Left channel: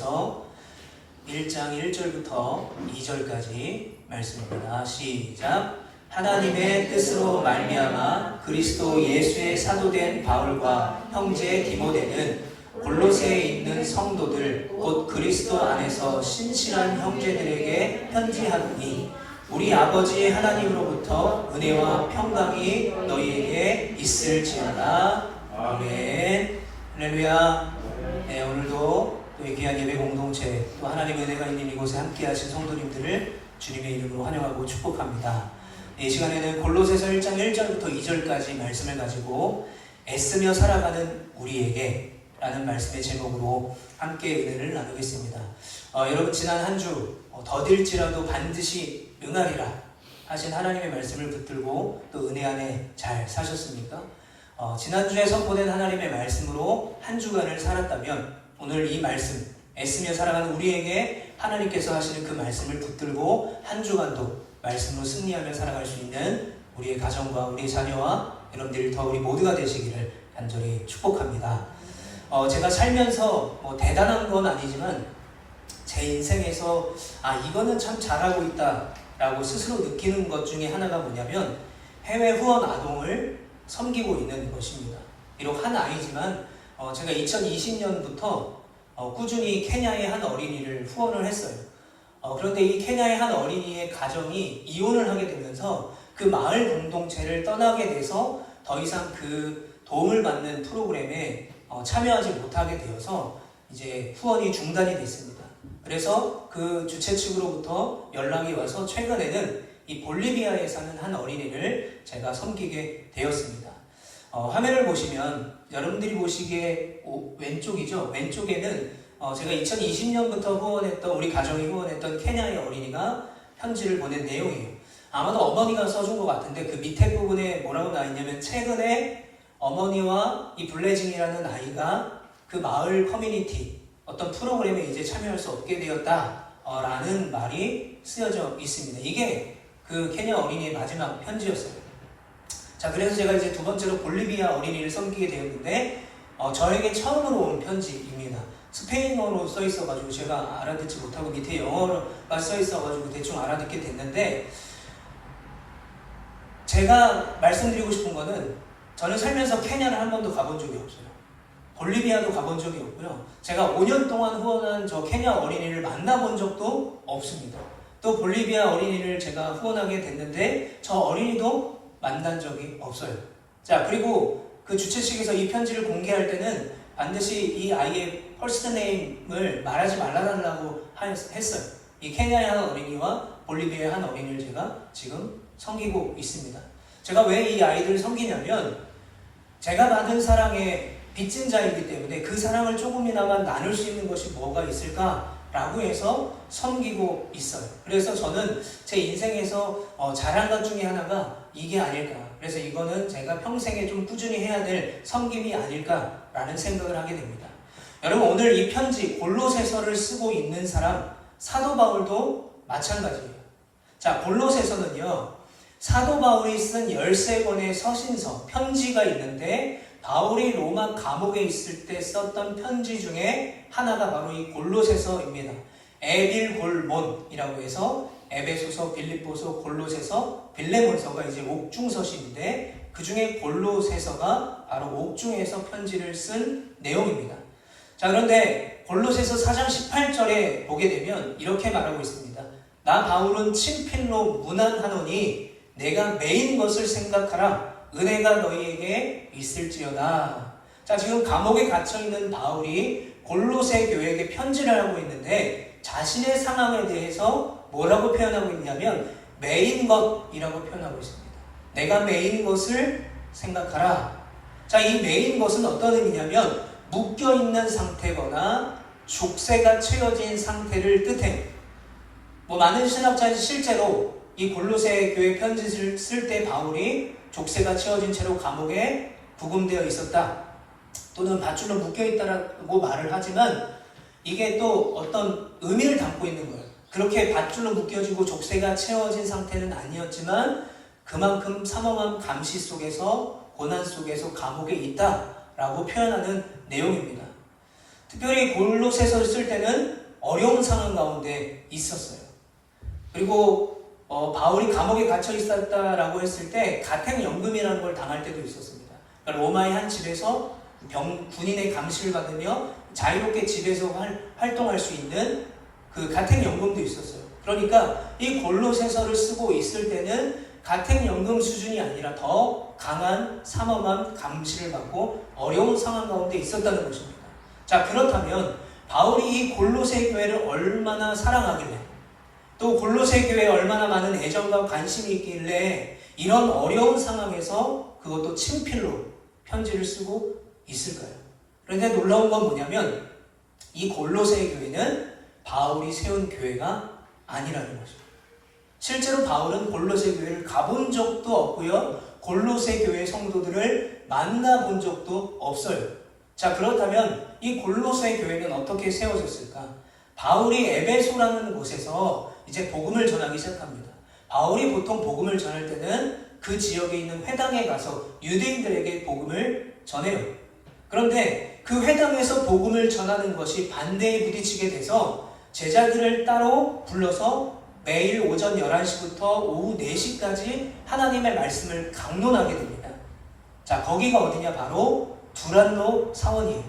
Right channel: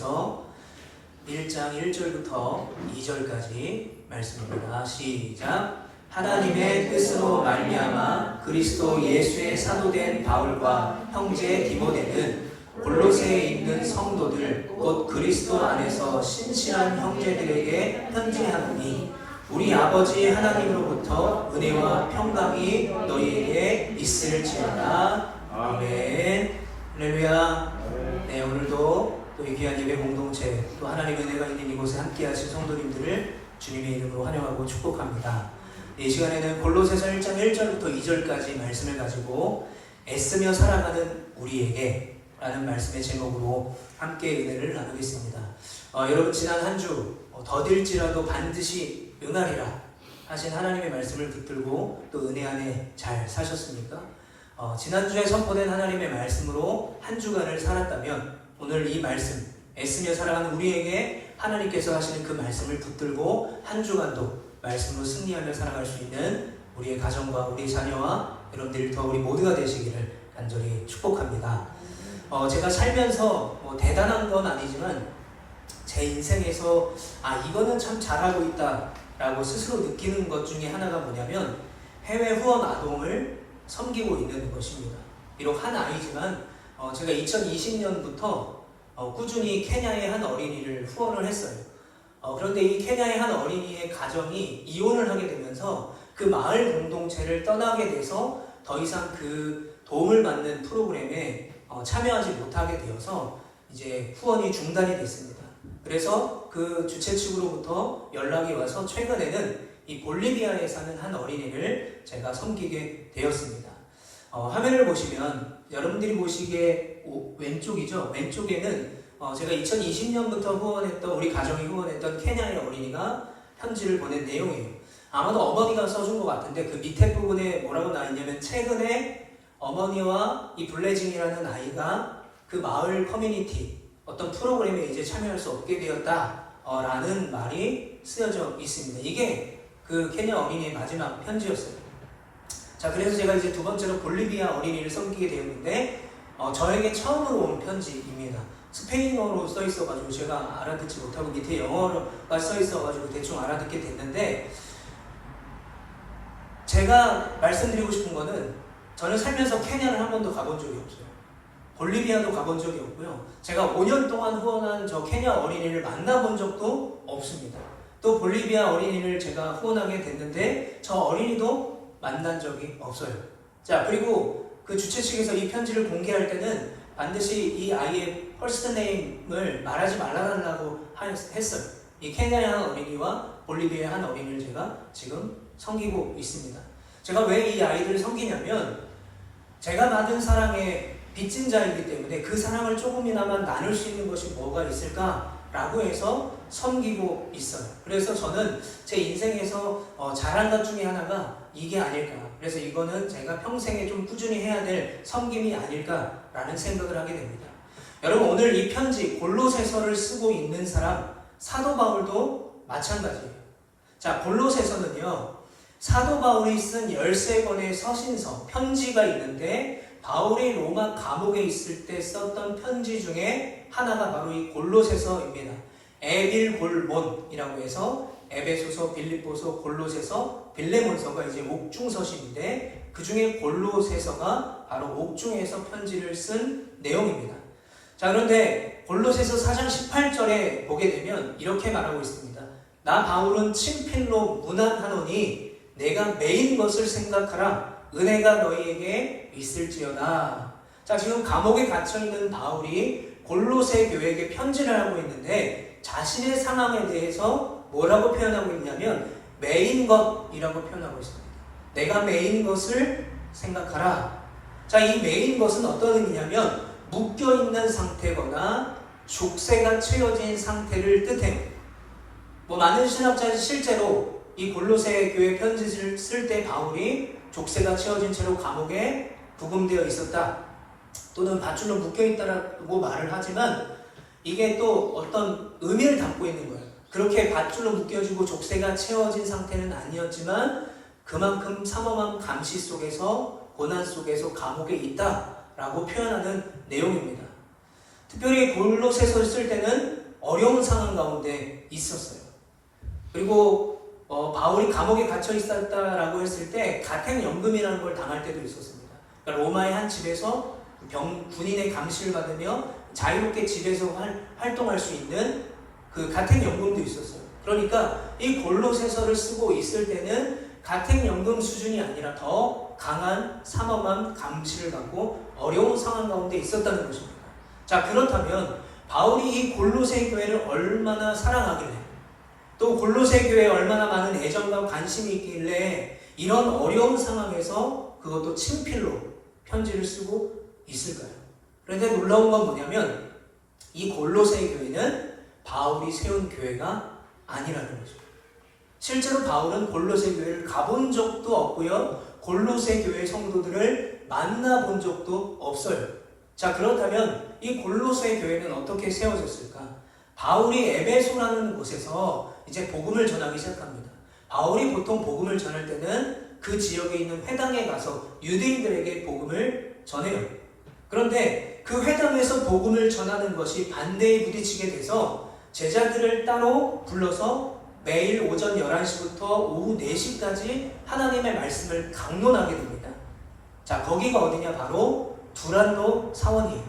고린도전서 1장 1절부터 2절까지 말씀입니다. 시작. 하나님의 뜻으로 말미암아 그리스도 예수의 사도된 바울과 형제 디모데는 골로새에 있는 성도들 곧 그리스도 안에서 신실한 형제들에게 편지하노니 우리 아버지 하나님으로부터 은혜와 평강이 너희에게 있을지어다. 아멘. 할렐루야. 네, 오늘도 또 이 귀한 예배 공동체 또 하나님의 은혜가 있는 이곳에 함께하신 성도님들을 주님의 이름으로 환영하고 축복합니다. 이 시간에는 골로새서 1장 1절부터 2절까지 말씀을 가지고 애쓰며 살아가는 우리에게 라는 말씀의 제목으로 함께 은혜를 나누겠습니다. 여러분 지난 한 주 더딜지라도 반드시 응하리라 하신 하나님의 말씀을 붙들고 또 은혜 안에 잘 사셨습니까? 지난주에 선포된 하나님의 말씀으로 한 주간을 살았다면 오늘 이 말씀 애쓰며 살아가는 우리에게 하나님께서 하시는 그 말씀을 붙들고 한 주간도 말씀으로 승리하며 살아갈 수 있는 우리의 가정과 우리 자녀와 여러분들 더 우리 모두가 되시기를 간절히 축복합니다. 제가 살면서 대단한 건 아니지만 제 인생에서 이거는 참 잘하고 있다 라고 스스로 느끼는 것 중에 하나가 뭐냐면 해외 후원 아동을 섬기고 있는 것입니다. 비록 한 아이지만 제가 2020년부터 꾸준히 케냐의 한 어린이를 후원을 했어요. 그런데 이 케냐의 한 어린이의 가정이 이혼을 하게 되면서 그 마을 공동체를 떠나게 돼서 더 이상 그 도움을 받는 프로그램에 참여하지 못하게 되어서 이제 후원이 중단이 됐습니다. 그래서 그 주최 측으로부터 연락이 와서 최근에는 이 볼리비아에 사는 한 어린이를 제가 섬기게 되었습니다. 화면을 보시면 여러분들이 보시기에 왼쪽이죠. 왼쪽에는 제가 2020년부터 후원했던 우리 가정이 후원했던 케냐의 어린이가 편지를 보낸 내용이에요. 아마도 어머니가 써준 것 같은데 그 밑에 부분에 뭐라고 나있냐면 최근에 어머니와 이 블레징이라는 아이가 그 마을 커뮤니티 어떤 프로그램에 이제 참여할 수 없게 되었다 라는 말이 쓰여져 있습니다. 이게 그 케냐 어린이의 마지막 편지였어요. 자, 그래서 제가 이제 두 번째로 볼리비아 어린이를 섬기게 되었는데 저에게 처음으로 온 편지입니다. 스페인어로 써 있어가지고 제가 알아듣지 못하고 밑에 영어가 써 있어가지고 대충 알아듣게 됐는데 제가 말씀드리고 싶은 거는 저는 살면서 케냐를 한 번도 가본 적이 없어요. 볼리비아도 가본 적이 없고요. 제가 5년 동안 후원한 저 케냐 어린이를 만나본 적도 없습니다. 또 볼리비아 어린이를 제가 후원하게 됐는데 저 어린이도 만난 적이 없어요. 자, 그리고 그 주최 측에서 이 편지를 공개할 때는 반드시 이 아이의 퍼스트 네임을 말하지 말아달라고 했어요. 이 케냐의 한 어린이와 볼리비아의 한 어린이를 제가 지금 섬기고 있습니다. 제가 왜 이 아이들을 섬기냐면 제가 받은 사랑의 빚진 자이기 때문에 그 사랑을 조금이나마 나눌 수 있는 것이 뭐가 있을까라고 해서 섬기고 있어요. 그래서 저는 제 인생에서 잘한 것 중에 하나가 이게 아닐까. 그래서 이거는 제가 평생에 좀 꾸준히 해야 될 섬김이 아닐까라는 생각을 하게 됩니다. 여러분 오늘 이 편지 골로새서를 쓰고 있는 사람 사도 바울도 마찬가지예요. 자, 골로새서는요 사도 바울이 쓴 13권의 서신서 편지가 있는데 바울이 로마 감옥에 있을 때 썼던 편지 중에 하나가 바로 이 골로새서입니다. 에빌골몬이라고 해서 에베소서, 빌립보서, 골로새서, 빌레몬서가 이제 옥중서신인데 그 중에 골로새서가 바로 옥중에서 편지를 쓴 내용입니다. 자, 그런데 골로새서 4장 18절에 보게 되면 이렇게 말하고 있습니다. 나 바울은 친필로 문안하노니 내가 매인 것을 생각하라. 은혜가 너희에게 있을지어다. 자, 지금 감옥에 갇혀있는 바울이 골로새 교회에게 편지를 하고 있는데 자신의 상황에 대해서 뭐라고 표현하고 있냐면 매인 것이라고 표현하고 있습니다. 내가 매인 것을 생각하라. 자, 이 매인 것은 어떤 의미냐면 묶여있는 상태거나 족쇄가 채워진 상태를 뜻해요. 많은 신학자는 실제로 이 골로새 교회 편지를 쓸 때 바울이 족쇄가 채워진 채로 감옥에 구금되어 있었다 또는 밧줄로 묶여있다라고 말을 하지만 이게 또 어떤 의미를 담고 있는 거예요. 그렇게 밧줄로 묶여지고 족쇄가 채워진 상태는 아니었지만 그만큼 삼엄한 감시 속에서 고난 속에서 감옥에 있다라고 표현하는 내용입니다. 특별히 골로새서 쓸 때는 어려운 상황 가운데 있었어요. 그리고 바울이 감옥에 갇혀 있었다라고 했을 때 가택연금이라는 걸 당할 때도 있었습니다. 그러니까 로마의 한 집에서 군인의 감시를 받으며 자유롭게 집에서 활동할 수 있는 그 가택연금도 있었어요. 그러니까 이 골로새서를 쓰고 있을 때는 가택연금 수준이 아니라 더 강한 삼엄한 감시를 받고 어려운 상황 가운데 있었다는 것입니다. 자, 그렇다면 바울이 이 골로새 교회를 얼마나 사랑하길래, 또 골로새 교회에 얼마나 많은 애정과 관심이 있길래 이런 어려운 상황에서 그것도 친필로 편지를 쓰고 있을까요? 그런데 놀라운 건 뭐냐면 이 골로새 교회는 바울이 세운 교회가 아니라는 거죠. 실제로 바울은 골로새 교회를 가본 적도 없고요, 골로새 교회 성도들을 만나본 적도 없어요. 자, 그렇다면 이 골로새 교회는 어떻게 세워졌을까? 바울이 에베소라는 곳에서 이제 복음을 전하기 시작합니다. 바울이 보통 복음을 전할 때는 그 지역에 있는 회당에 가서 유대인들에게 복음을 전해요. 그런데 그 회당에서 복음을 전하는 것이 반대에 부딪히게 돼서 제자들을 따로 불러서 매일 오전 11시부터 오후 4시까지 하나님의 말씀을 강론하게 됩니다. 자, 거기가 어디냐? 바로 두란노 사원이에요.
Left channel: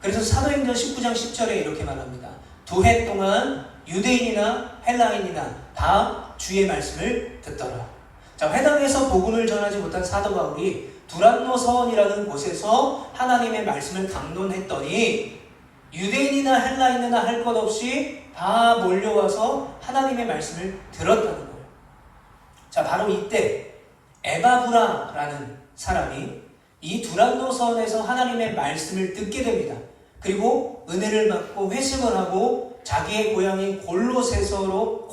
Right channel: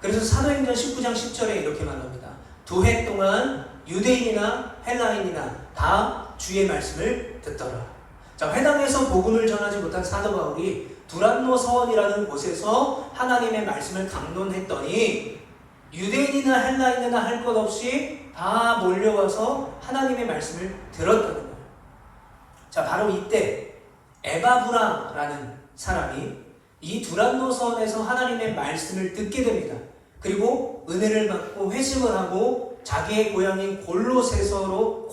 그래서 사도행전 19장 10절에 이렇게 말합니다. 2해 동안 유대인이나 헬라인이나 다 주의 말씀을 듣더라. 자, 회당에서 복음을 전하지 못한 사도 바울이 두란노 서원이라는 곳에서 하나님의 말씀을 강론했더니 유대인이나 헬라인이나 할 것 없이 다 몰려와서 하나님의 말씀을 들었다는 거예요. 자, 바로 이때 에바브라라는 사람이 이 두란노 서원에서 하나님의 말씀을 듣게 됩니다. 그리고 은혜를 받고 회심을 하고 자기의 고향인 골로새로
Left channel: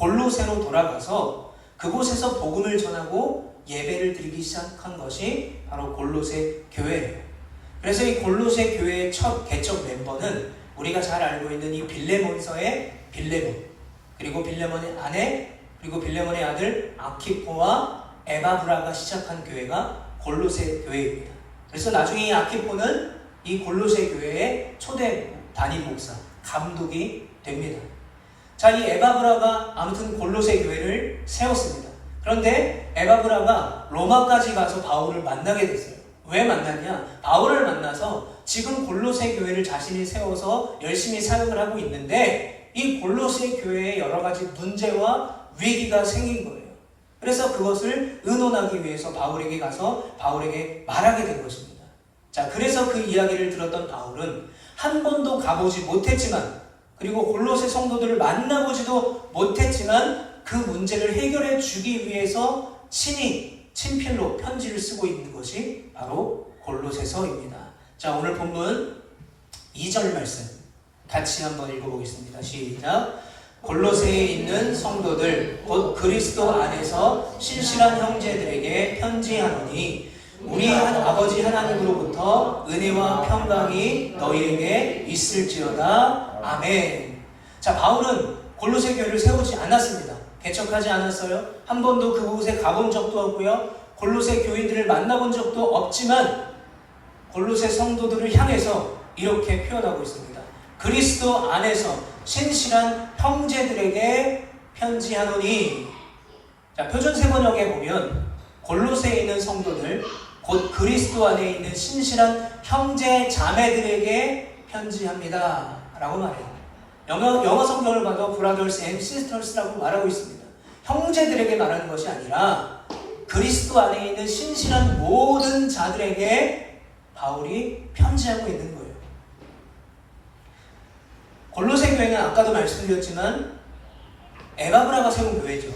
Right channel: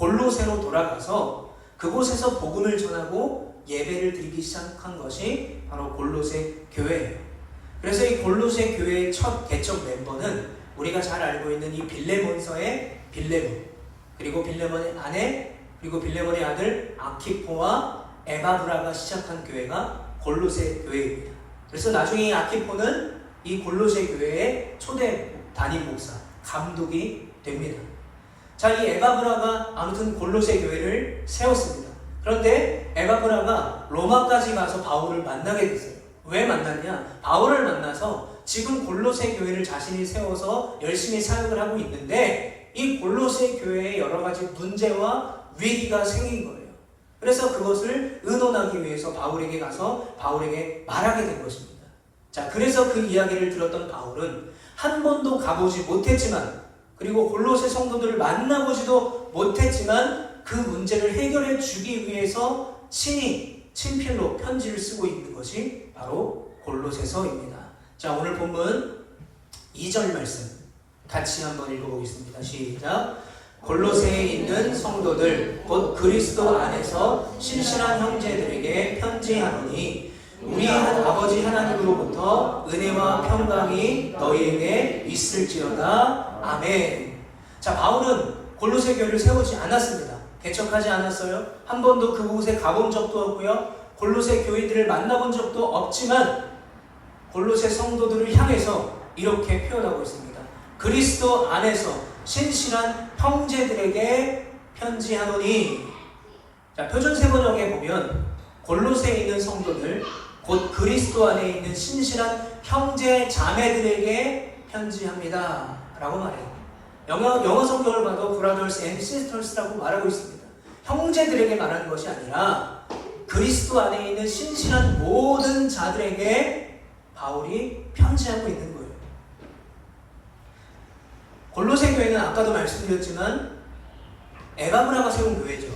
돌아가서 그곳에서 복음을 전하고 예배를 드리기 시작한 것이 바로 골로새 교회예요. 그래서 이 골로새 교회의 첫 개척 멤버는 우리가 잘 알고 있는 이 빌레몬서의 빌레몬, 그리고 빌레몬의 아내, 그리고 빌레몬의 아들 아키포와 에바브라가 시작한 교회가 골로새 교회입니다. 그래서 나중에 이 아키포는 이 골로새 교회의 초대 담임 목사, 감독이 됩니다. 자, 이 에바브라가 아무튼 골로새 교회를 세웠습니다. 그런데 에바브라가 로마까지 가서 바울을 만나게 됐어요. 왜 만났냐? 바울을 만나서 지금 골로새 교회를 자신이 세워서 열심히 사역을 하고 있는데 이 골로새 교회에 여러 가지 문제와 위기가 생긴 거예요. 그래서 그것을 의논하기 위해서 바울에게 가서 바울에게 말하게 된 것입니다. 자, 그래서 그 이야기를 들었던 바울은 한 번도 가보지 못했지만, 그리고 골로새 성도들을 만나보지도 못했지만 그 문제를 해결해 주기 위해서 친히 친필로 편지를 쓰고 있는 것이 바로 골로새서입니다. 자, 오늘 본문 2절 말씀 같이 한번 읽어보겠습니다. 시작. 골로새에 있는 성도들 곧 그리스도 안에서 신실한 형제들에게 편지하노니 우리 아버지 하나님으로부터 은혜와 평강이 너희에게 있을지어다. 아멘. 자, 바울은 골로새 교회를 세우지 않았습니다. 개척하지 않았어요. 한 번도 그곳에 가본 적도 없고요, 골로새 교인들을 만나본 적도 없지만 골로새 성도들을 향해서 이렇게 표현하고 있습니다. 그리스도 안에서 신실한 형제들에게 편지하노니. 자, 표준 세번역에 보면 골로새에 있는 성도들 곧 그리스도 안에 있는 신실한 형제 자매들에게 편지합니다 라고 말해요. 영어 성경을 봐도 brothers and sisters라고 말하고 있습니다. 형제들에게 말하는 것이 아니라 그리스도 안에 있는 신실한 모든 자들에게 바울이 편지하고 있는 거예요. 골로새 교회는 아까도 말씀드렸지만 에바브라가 세운 교회죠.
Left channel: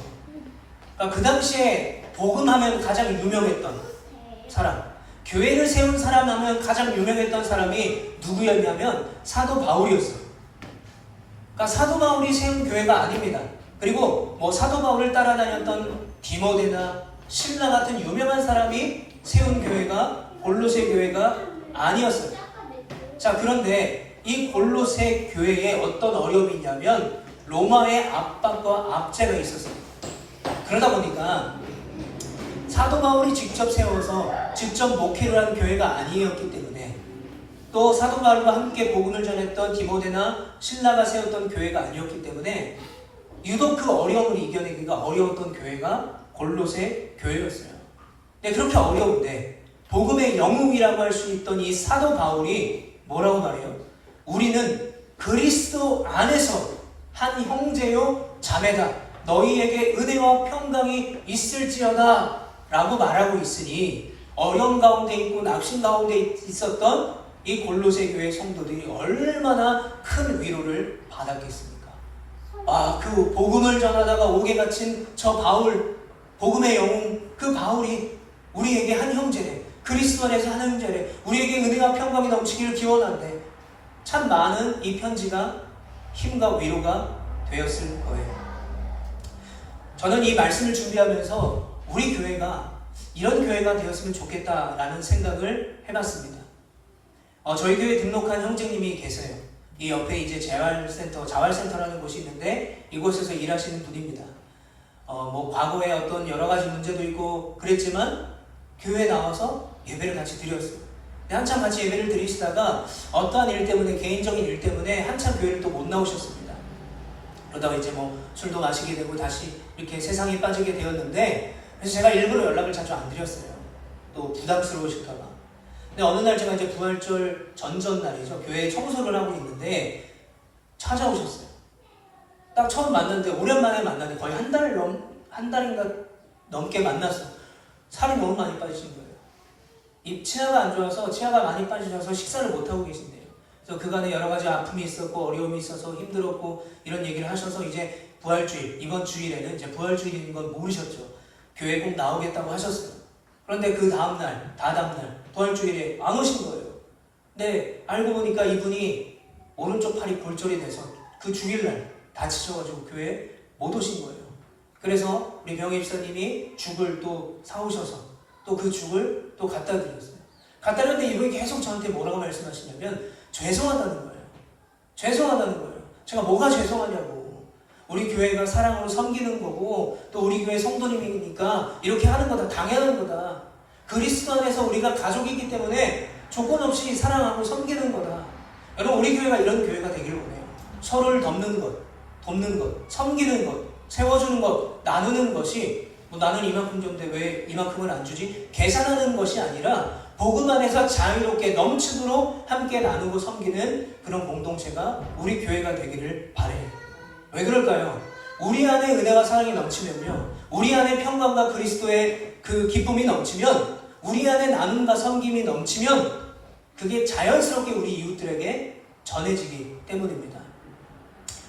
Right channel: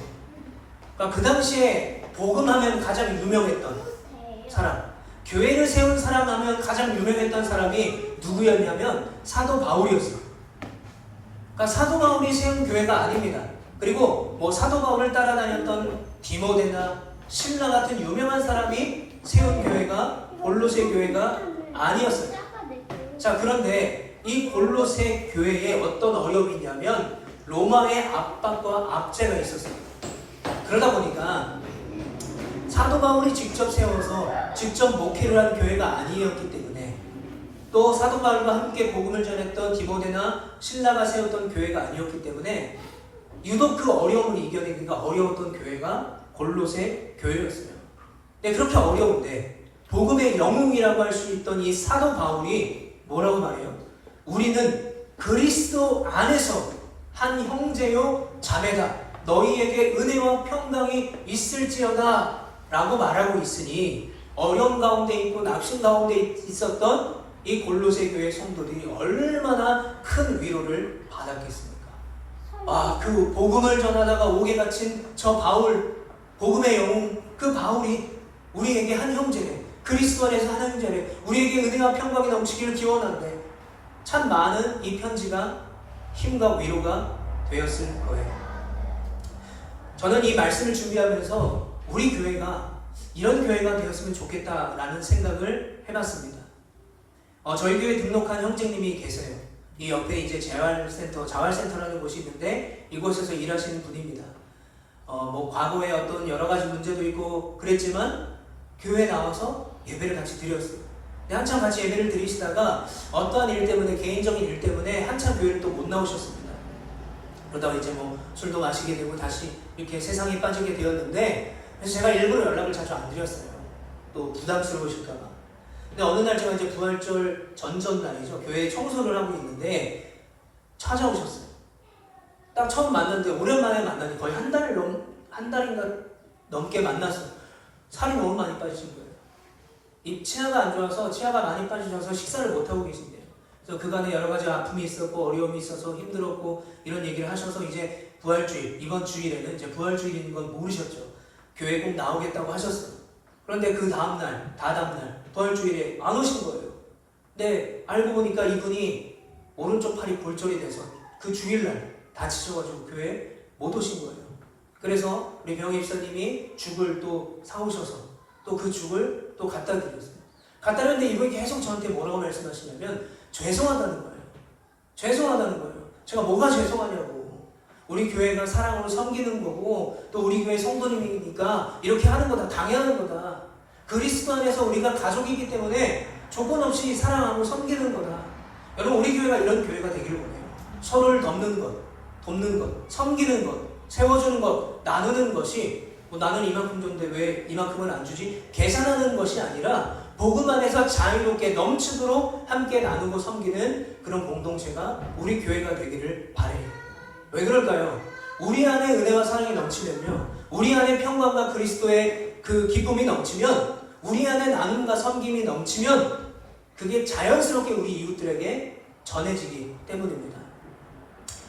그러니까 그 당시에 복음하면 가장 유명했던 사람, 교회를 세운 사람 하면 가장 유명했던 사람이 누구였냐면 사도 바울이었어요. 그러니까 사도 바울이 세운 교회가 아닙니다. 그리고 뭐 사도 바울을 따라다녔던 디모데나 신라 같은 유명한 사람이 세운 교회가 골로새 교회가 아니었어요. 자, 그런데 이 골로새 교회에 어떤 어려움이 있냐면 로마의 압박과 압제가 있었어요. 그러다 보니까 사도 바울이 직접 세워서 직접 목회를 한 교회가 아니었기 때문에, 또 또 사도 바울과 함께 복음을 전했던 디모데나 신라가 세웠던 교회가 아니었기 때문에 유독 그 어려움을 이겨내기가 어려웠던 교회가 골로새 교회였어요. 근데 그렇게 어려운데 복음의 영웅이라고 할 수 있던 이 사도 바울이 뭐라고 말해요? 우리는 그리스도 안에서 한 형제요 자매다. 너희에게 은혜와 평강이 있을지어다 라고 말하고 있으니 어려움 가운데 있고 낙심 가운데 있었던 이 골로새 교회 성도들이 얼마나 큰 위로를 받았겠습니까? 그 복음을 전하다가 옥에 갇힌 저 바울, 복음의 영웅 그 바울이 우리에게 한 형제래, 그리스도 안에서 한 형제래, 우리에게 은혜와 평강이 넘치기를 기원한대. 참 많은 이 편지가 힘과 위로가 되었을 거예요. 저는 이 말씀을 준비하면서 우리 교회가 이런 교회가 되었으면 좋겠다라는 생각을 해봤습니다. 저희 교회 등록한 형제님이 계세요. 이 옆에 이제 자활센터라는 곳이 있는데 이곳에서 일하시는 분입니다. 과거에 어떤 여러 가지 문제도 있고 그랬지만 교회에 나와서 예배를 같이 드렸어요. 근데 한참 같이 예배를 드리시다가 어떠한 일 때문에, 개인적인 일 때문에 한참 교회를 또 못 나오셨습니다. 그러다가 이제 술도 마시게 되고 다시 이렇게 세상에 빠지게 되었는데, 그래서 제가 일부러 연락을 자주 안 드렸어요. 또 부담스러우실까봐. 근데 어느 날 제가 이제 부활절 전전날이죠. 교회에 청소를 하고 있는데 찾아오셨어요. 딱 처음 만났는데, 오랜만에 만났는데 거의 한 달인가 넘게 만났어. 살이 너무 많이 빠지신 거예요. 치아가 안 좋아서, 치아가 많이 빠지셔서 식사를 못하고 계신데요. 그래서 그간에 여러 가지 아픔이 있었고 어려움이 있어서 힘들었고 이런 얘기를 하셔서 이제 부활주일, 이번 주일에는 이제 부활주일인 건 모르셨죠. 교회 꼭 나오겠다고 하셨어요. 그런데 그 다음날 부활주일에 안 오신 거예요. 근데 알고 보니까 이분이 오른쪽 팔이 골절이 돼서 그 주일날 다치셔가지고 교회에 못 오신 거예요. 그래서 우리 병입사님이 죽을 또 사오셔서 또 그 죽을 또 갖다 드렸어요. 갖다 드렸는데 이분이 계속 저한테 뭐라고 말씀하시냐면 죄송하다는 거예요. 죄송하다는 거예요. 제가 뭐가 죄송하냐고. 우리 교회가 사랑으로 섬기는 거고 또 우리 교회 성도님이니까 이렇게 하는 거다. 당연한 거다. 그리스도 안에서 우리가 가족이기 때문에 조건 없이 사랑하고 섬기는 거다. 여러분, 우리 교회가 이런 교회가 되기를 원해요. 서로를 돕는 것, 섬기는 것, 세워주는 것, 나누는 것이 나는 이만큼 줬는데 왜 이만큼은 안 주지? 계산하는 것이 아니라 복음 안에서 자유롭게 넘치도록 함께 나누고 섬기는 그런 공동체가 우리 교회가 되기를 바래요. 왜 그럴까요? 우리 안에 은혜와 사랑이 넘치면요, 우리 안에 평강과 그리스도의 그 기쁨이 넘치면, 우리 안에 나눔과 섬김이 넘치면 그게 자연스럽게 우리 이웃들에게 전해지기 때문입니다.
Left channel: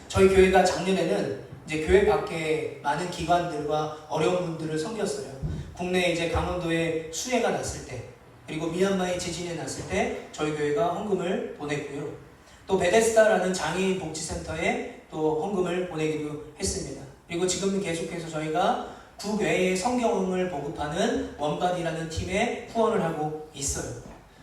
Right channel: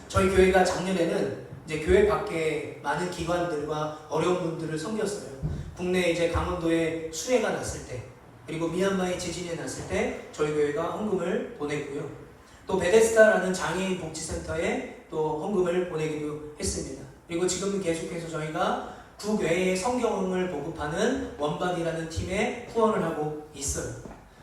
저희 교회가 작년에는 이제 교회 밖에 많은 기관들과 어려운 분들을 섬겼어요. 국내 이제 강원도에 수해가 났을 때, 그리고 미얀마에 지진이 났을 때 저희 교회가 헌금을 보냈고요. 또 베데스다라는 장애인 복지센터에 또 헌금을 보내기도 했습니다. 그리고 지금 계속해서 저희가 국외에 성경을 보급하는 원반이라는 팀에 후원을 하고 있어요.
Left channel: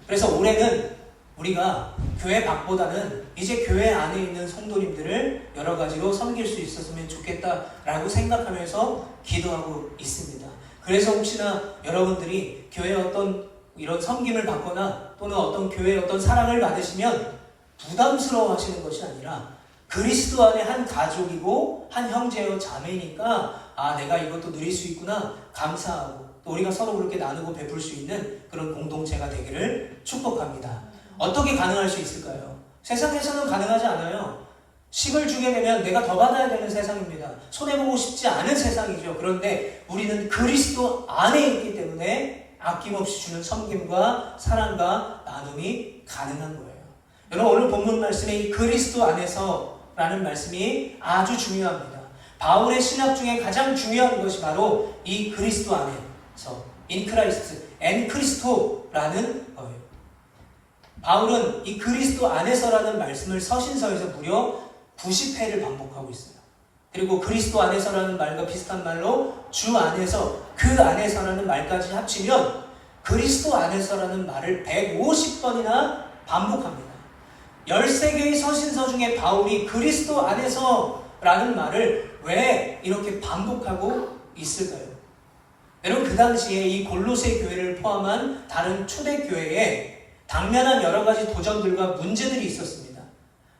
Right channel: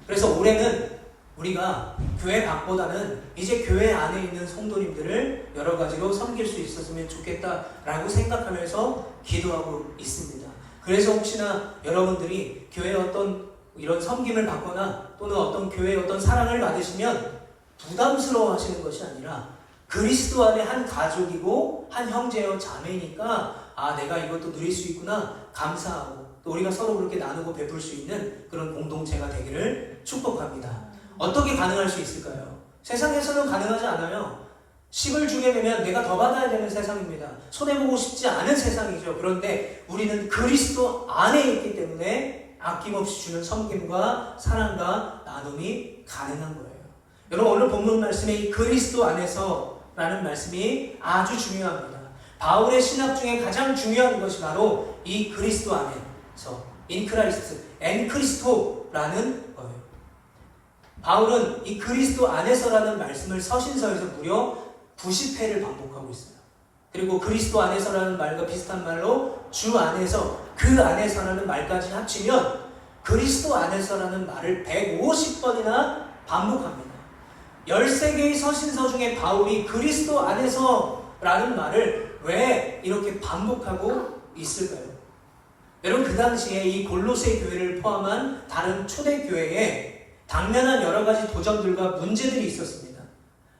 그래서 올해는 우리가 교회 밖보다는 이제 교회 안에 있는 성도님들을 여러 가지로 섬길 수 있었으면 좋겠다라고 생각하면서 기도하고 있습니다. 그래서 혹시나 여러분들이 교회에 어떤 이런 섬김을 받거나 또는 어떤 교회에 어떤 사랑을 받으시면 부담스러워 하시는 것이 아니라 그리스도 안에 한 가족이고 한 형제요 자매니까 내가 이것도 누릴 수 있구나 감사하고 또 우리가 서로 그렇게 나누고 베풀 수 있는 그런 공동체가 되기를 축복합니다. 어떻게 가능할 수 있을까요? 세상에서는 가능하지 않아요. 10을 주게 되면 내가 더 받아야 되는 세상입니다. 손해보고 싶지 않은 세상이죠. 그런데 우리는 그리스도 안에 있기 때문에 아낌없이 주는 섬김과 사랑과 나눔이 가능한 거예요. 여러분, 오늘 본문 말씀에 이 그리스도 안에서 라는 말씀이 아주 중요합니다. 바울의 신학 중에 가장 중요한 것이 바로 이 그리스도 안에서 in Christ, en Christo라는 거예요. 바울은 이 그리스도 안에서라는 말씀을 서신서에서 무려 90회를 반복하고 있어요. 그리고 그리스도 안에서라는 말과 비슷한 말로 주 안에서, 그 안에서라는 말까지 합치면 그리스도 안에서라는 말을 150번이나 반복합니다. 13개의 서신서 중에 바울이 그리스도 안에서라는 말을 왜 이렇게 반복하고 있을까요? 여러분, 그 당시에 이 골로새 교회를 포함한 다른 초대교회에 당면한 여러 가지 도전들과 문제들이 있었습니다.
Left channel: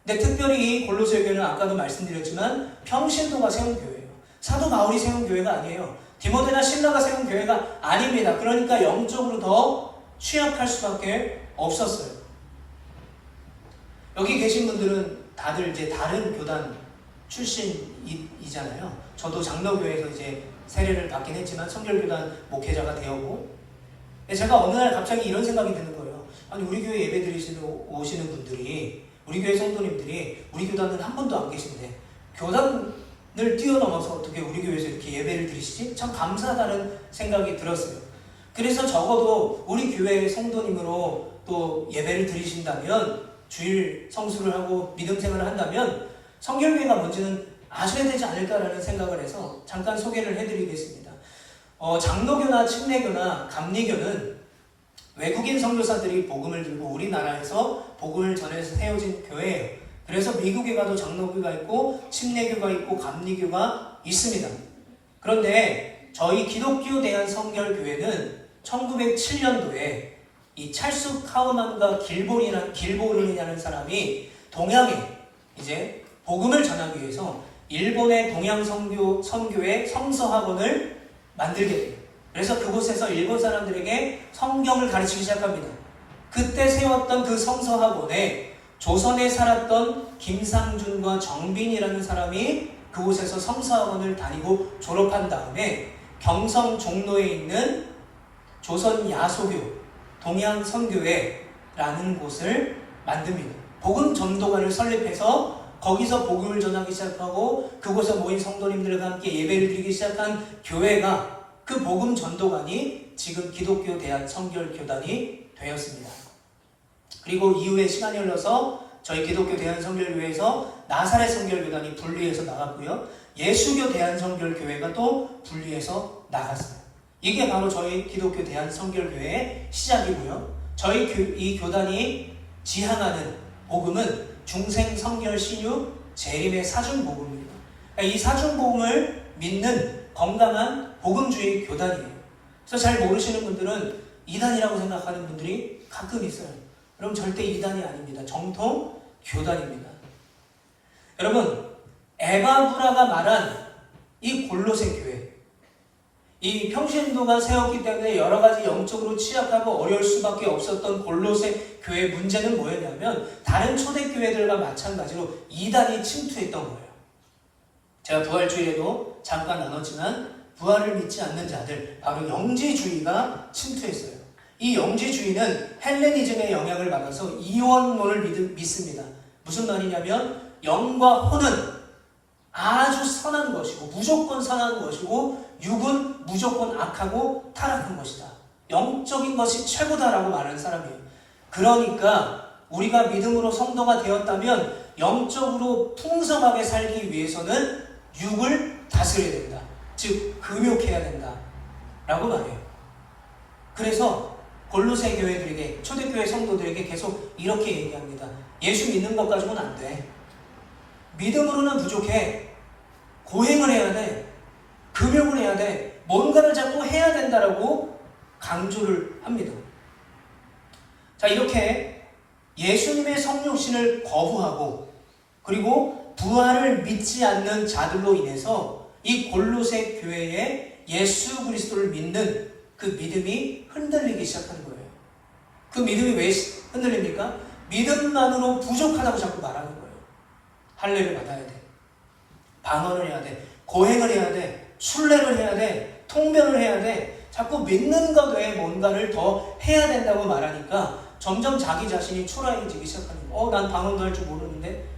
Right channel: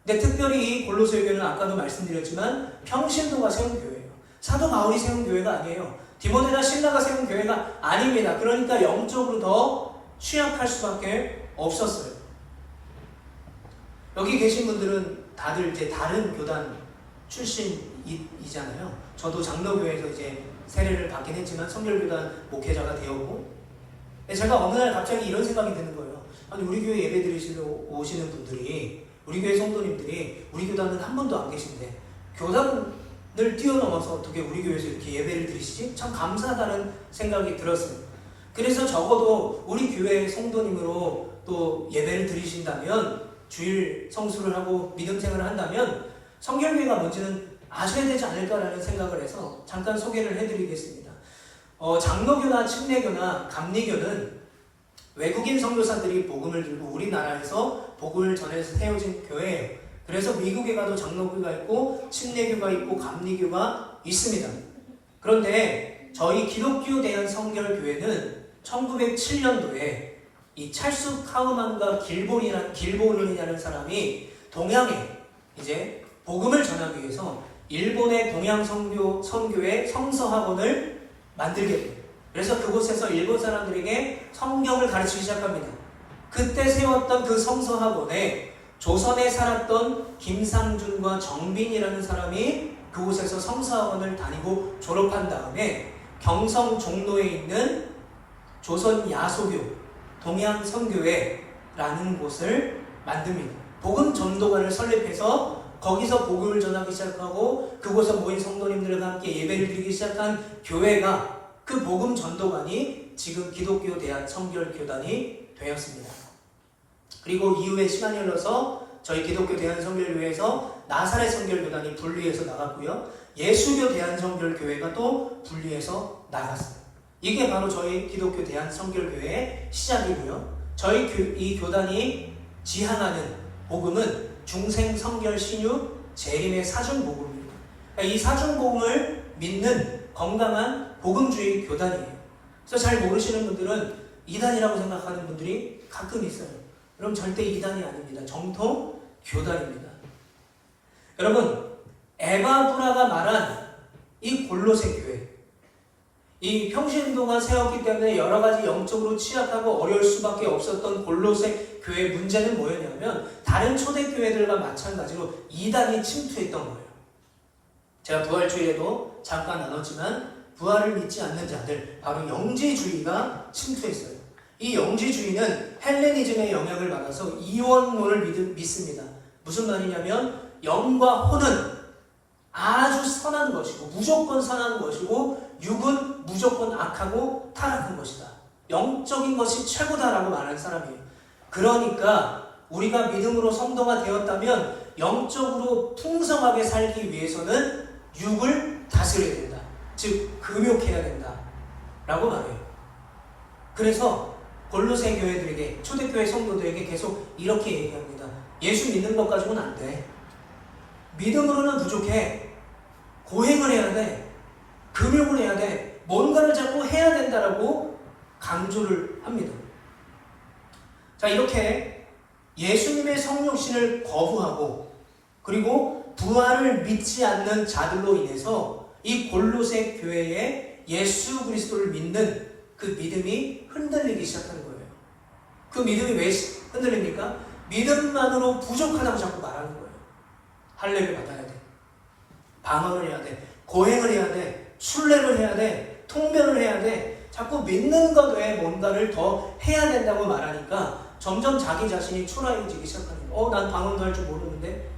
근데 특별히 이 골로새 교회는 아까도 말씀드렸지만 평신도가 세운 교회예요. 사도 바울이 세운 교회가 아니에요. 디모데나 실라가 세운 교회가 아닙니다. 그러니까 영적으로 더 취약할 수밖에 없었어요. 여기 계신 분들은 다들 이제 다른 교단 출신이잖아요. 저도 장로교회에서 이제 세례를 받긴 했지만 성결교단 목회자가 되었고, 제가 어느 날 갑자기 이런 생각이 드는 거예요. 아니, 우리 교회 예배 드리시러 오시는 분들이, 우리 교회 성도님들이 우리 교단은 한 번도 안 계신데 교단을 뛰어넘어서 어떻게 우리 교회에서 이렇게 예배를 드리시지? 참 감사하다는 생각이 들었어요. 그래서 적어도 우리 교회 성도님으로 또 예배를 드리신다면, 주일 성수를 하고 믿음 생활을 한다면 성결교회가 뭔지는 아셔야 되지 않을까라는 생각을 해서 잠깐 소개를 해드리겠습니다. 장로교나 침례교나 감리교는 외국인 선교사들이 복음을 들고 우리나라에서 복음을 전해서 세워진 교회예요. 그래서 미국에 가도 장로교가 있고 침례교가 있고 감리교가 있습니다. 그런데 저희 기독교 대한 성결교회는 1907년도에 이 찰스 카우만과 길보린이라는 사람이 동양에 이제 복음을 전하기 위해서 일본의 동양 선교회 성서학원을 만들게 돼요. 그래서 그곳에서 일본 사람들에게 성경을 가르치기 시작합니다. 그때 세웠던 그 성서학원에 조선에 살았던 김상준과 정빈이라는 사람이 그곳에서 성서학원을 다니고 졸업한 다음에 경성 종로에 있는 조선 야소교 동양선교회라는 곳을 만듭니다. 복음 전도관을 설립해서 거기서 복음을 전하기 시작하고 그곳에 모인 성도님들과 함께 예배를 드리기 시작한 교회가, 그 복음 전도관이 지금 기독교 대한 성결교단이 되었습니다. 그리고 이후에 시간이 흘러서 저희 기독교 대한성결교회에서 나사렛 성결교단이 분리해서 나갔고요. 예수교 대한성결교회가 또 분리해서 나갔어요. 이게 바로 저희 기독교 대한성결교회의 시작이고요. 저희 이 교단이 지향하는 복음은 중생성결 신유 재림의 사중복음입니다. 이 사중복음을 믿는 건강한 복음주의 교단이에요. 그래서 잘 모르시는 분들은 이단이라고 생각하는 분들이 가끔 있어요. 그럼 절대 이단이 아닙니다. 정통 교단입니다. 여러분, 에바브라가 말한 이 골로새 교회, 이 평신도가 세웠기 때문에 여러 가지 영적으로 취약하고 어려울 수밖에 없었던 골로새 교회의 문제는 뭐였냐면 다른 초대교회들과 마찬가지로 이단이 침투했던 거예요. 제가 부활주일에도 잠깐 나눴지만 부활을 믿지 않는 자들, 바로 영지주의가 침투했어요. 이 영지주의는 헬레니즘의 영향을 받아서 이원론을 믿습니다. 무슨 말이냐면 영과 혼은 아주 선한 것이고 무조건 선한 것이고 육은 무조건 악하고 타락한 것이다. 영적인 것이 최고다라고 말하는 사람이에요. 그러니까 우리가 믿음으로 성도가 되었다면 영적으로 풍성하게 살기 위해서는 육을 다스려야 된다. 즉 금욕해야 된다 라고 말해요. 그래서 골로새 교회들에게, 초대교회 성도들에게 계속 이렇게 얘기합니다. 예수 믿는 것 가지고는 안 돼. 믿음으로는 부족해. 고행을 해야 돼. 금욕을 해야 돼. 뭔가를 자꾸 해야 된다라고 강조를 합니다. 자, 이렇게 예수님의 성육신을 거부하고 그리고 부활을 믿지 않는 자들로 인해서 이 골로새 교회에 예수 그리스도를 믿는 그 믿음이 흔들리기 시작하는 거예요. 그 믿음이 왜 흔들립니까? 믿음만으로 부족하다고 자꾸 말하는 거예요. 할례를 받아야 돼. 방언을 해야 돼. 고행을 해야 돼. 순례를 해야 돼. 통변을 해야 돼. 자꾸 믿는 것 외에 뭔가를 더 해야 된다고 말하니까 점점 자기 자신이 초라해지기 시작하는 거예요. 난 방언도 할 줄 모르는데,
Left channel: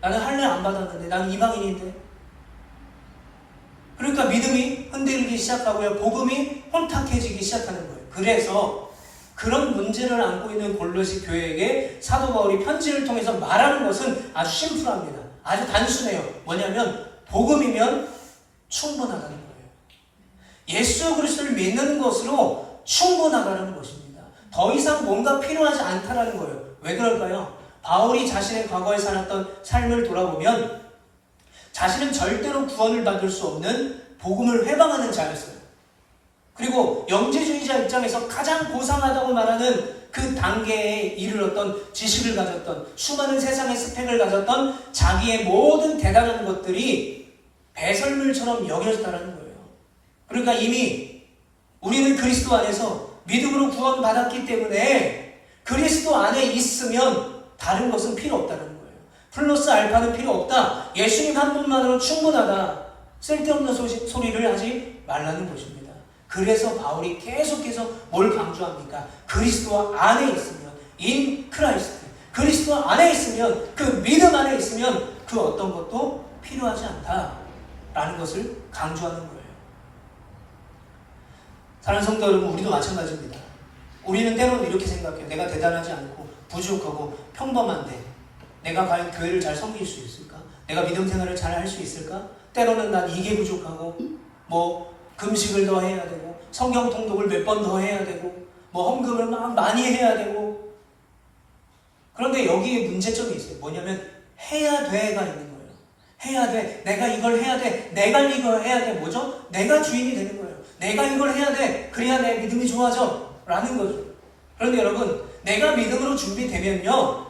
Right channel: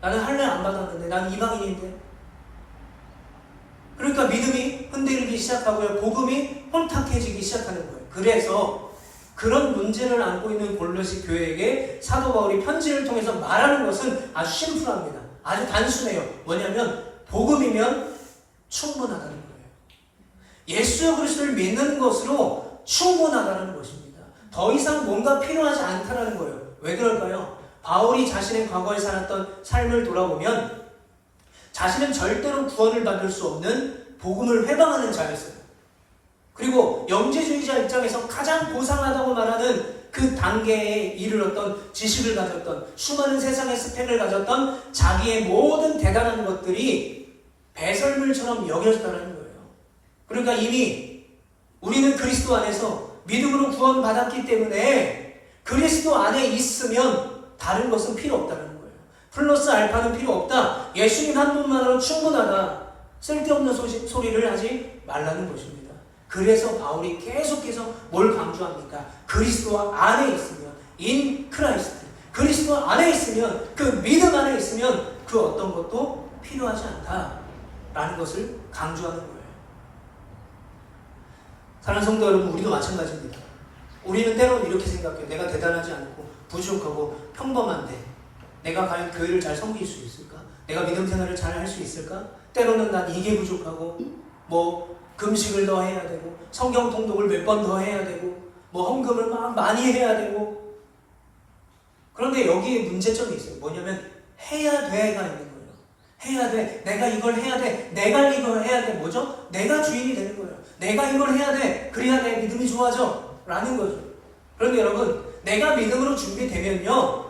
나는 할례 안 받았는데, 나는 이방인인데. 그러니까 믿음이 흔들리기 시작하고요. 복음이 혼탁해지기 시작하는 거예요. 그래서 그런 문제를 안고 있는 골로새 교회에게 사도 바울이 편지를 통해서 말하는 것은 아주 심플합니다. 아주 단순해요. 뭐냐면 복음이면 충분하다는 거예요. 예수 그리스도를 믿는 것으로 충분하다는 것입니다. 더 이상 뭔가 필요하지 않다는 거예요. 왜 그럴까요? 바울이 자신의 과거에 살았던 삶을 돌아보면 자신은 절대로 구원을 받을 수 없는 복음을 회방하는 자였어요. 그리고 영지주의자 입장에서 가장 고상하다고 말하는 그 단계에 이르렀던 지식을 가졌던 수많은 세상의 스펙을 가졌던 자기의 모든 대단한 것들이 배설물처럼 여겨졌다는 거예요. 그러니까 이미 우리는 그리스도 안에서 믿음으로 구원받았기 때문에 그리스도 안에 있으면 다른 것은 필요 없다는 거예요. 플러스 알파는 필요 없다. 예수님 한 분만으로 충분하다. 쓸데없는 소리를 하지 말라는 것입니다. 그래서 바울이 계속해서 뭘 강조합니까? 그리스도 안에 있으면 in Christ, 그리스도 안에 있으면, 그 믿음 안에 있으면 그 어떤 것도 필요하지 않다라는 것을 강조하는 거예요. 사랑하는 성도 여러분, 우리도 마찬가지입니다. 우리는 때로는 이렇게 생각해요. 내가 대단하지 않고 부족하고 평범한데 내가 과연 교회를 잘 섬길 수 있을까? 내가 믿음 생활을 잘 할 수 있을까? 때로는 난 이게 부족하고 금식을 더 해야 되고 성경 통독을 몇 번 더 해야 되고 헌금을 막 많이 해야 되고. 그런데 여기에 문제점이 있어요. 뭐냐면 해야 돼가 있는 거예요. 해야 돼. 내가 이걸 해야 돼. 내가 이걸 해야 돼. 뭐죠? 내가 주인이 되는 거예요. 내가 이걸 해야 돼. 그래야 내 믿음이 좋아져 라는 거죠. 그런데 여러분, 내가 믿음으로 준비되면요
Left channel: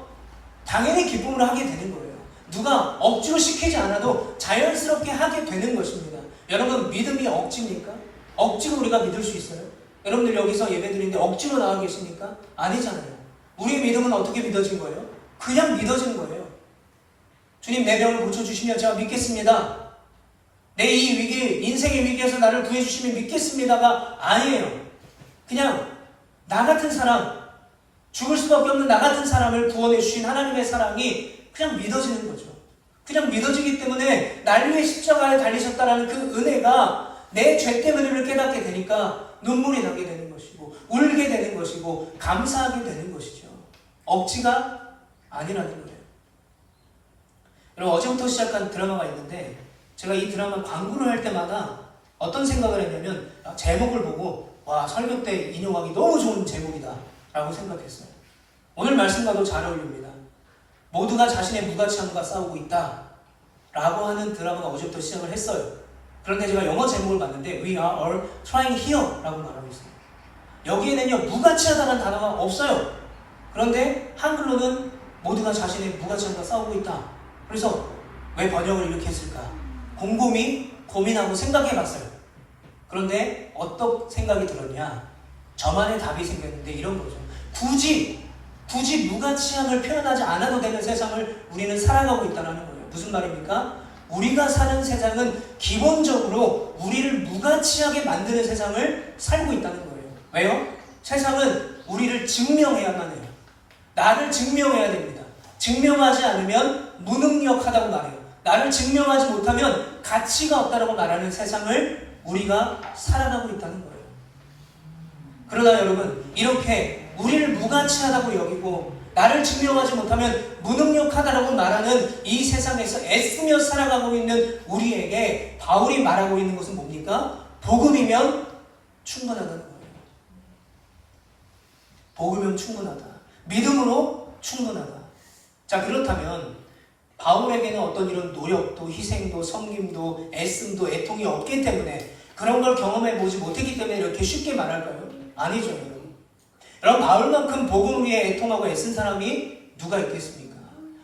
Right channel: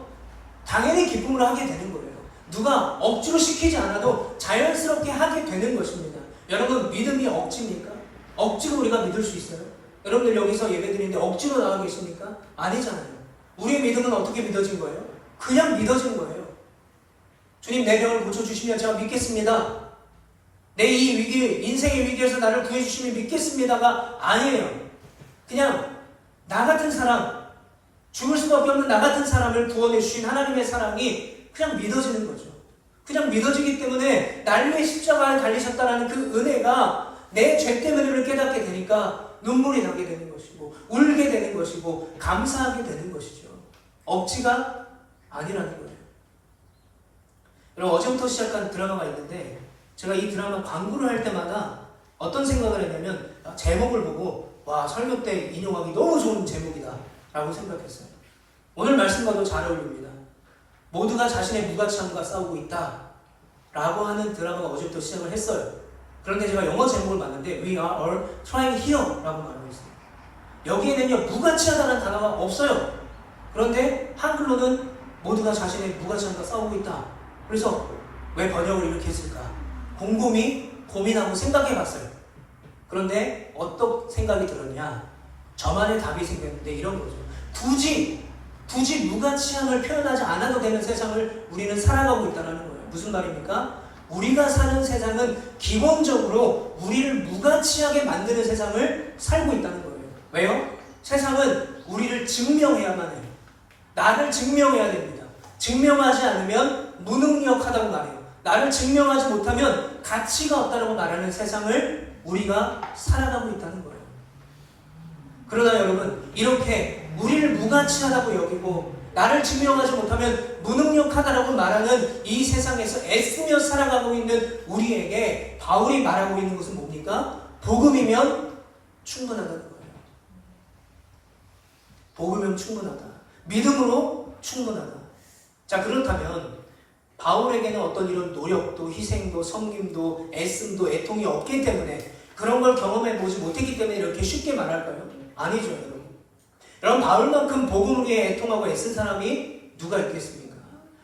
당연히 기쁨으로 하게 되는 거예요. 누가 억지로 시키지 않아도 자연스럽게 하게 되는 것입니다. 여러분, 믿음이 억지입니까? 억지로 우리가 믿을 수 있어요? 여러분들 여기서 예배드리는데 억지로 나와 계십니까? 아니잖아요. 우리의 믿음은 어떻게 믿어진 거예요? 그냥 믿어진 거예요. 주님, 내 병을 고쳐주시면 제가 믿겠습니다. 내 이 위기, 인생의 위기에서 나를 구해주시면 믿겠습니다가 아니에요. 그냥 나 같은 사람, 죽을 수밖에 없는 나 같은 사람을 구원해 주신 하나님의 사랑이 그냥 믿어지는 거죠. 그냥 믿어지기 때문에 날 위해 십자가에 달리셨다는 그 은혜가 내 죄 때문을 깨닫게 되니까 눈물이 나게 되는 것이고 울게 되는 것이고 감사하게 되는 것이죠. 억지가 아니라는 거예요. 여러분, 어제부터 시작한 드라마가 있는데 제가 이 드라마 광고를 할 때마다 어떤 생각을 했냐면 제목을 보고 와, 설교 때 인용하기 너무 좋은 제목이다 라고 생각했어요. 오늘 말씀과도 잘 어울립니다. 모두가 자신의 무가치함과 싸우고 있다 라고 하는 드라마가 어제부터 시작을 했어요. 그런데 제가 영어 제목을 봤는데 We are all trying here 라고 말하고 있어요. 여기에는요 무가치하다는 단어가 없어요. 그런데 한글로는 모두가 자신의 무가치함과 싸우고 있다. 그래서 왜 번역을 이렇게 했을까? 곰곰이 고민하고 생각해 봤어요. 그런데 어떤 생각이 들었냐? 저만의 답이 생겼는데 이런 거죠. 굳이 무가치함을 표현하지 않아도 되는 세상을 우리는 살아가고 있다는 거예요. 무슨 말입니까? 우리가 사는 세상은 기본적으로 우리를 무가치하게 만드는 세상을 살고 있다는 거예요. 왜요? 세상은 우리를 증명해야만 해요. 나를 증명해야 됩니다. 증명하지 않으면 무능력하다고 말해요. 나를 증명하지 못하면 가치가 없다고 말하는 세상을 우리가 살아가고 있다는 거예요. 그러나 여러분, 이렇게 우리를 무가치하다고 여기고 나를 증명하지 못하면 무능력하다라고 말하는 이 세상에서 애쓰며 살아가고 있는 우리에게 바울이 말하고 있는 것은 뭡니까? 복음이면 충분하다는 거예요. 복음이면 충분하다. 믿음으로 충분하다. 자, 그렇다면 바울에게는 어떤 이런 노력도 희생도 섬김도 애씀도 애통이 없기 때문에 그런 걸 경험해 보지 못했기 때문에 이렇게 쉽게 말할까요? 아니죠, 여러분. 여러분, 바울만큼 복음 위에 애통하고 애쓴 사람이 누가 있겠습니까?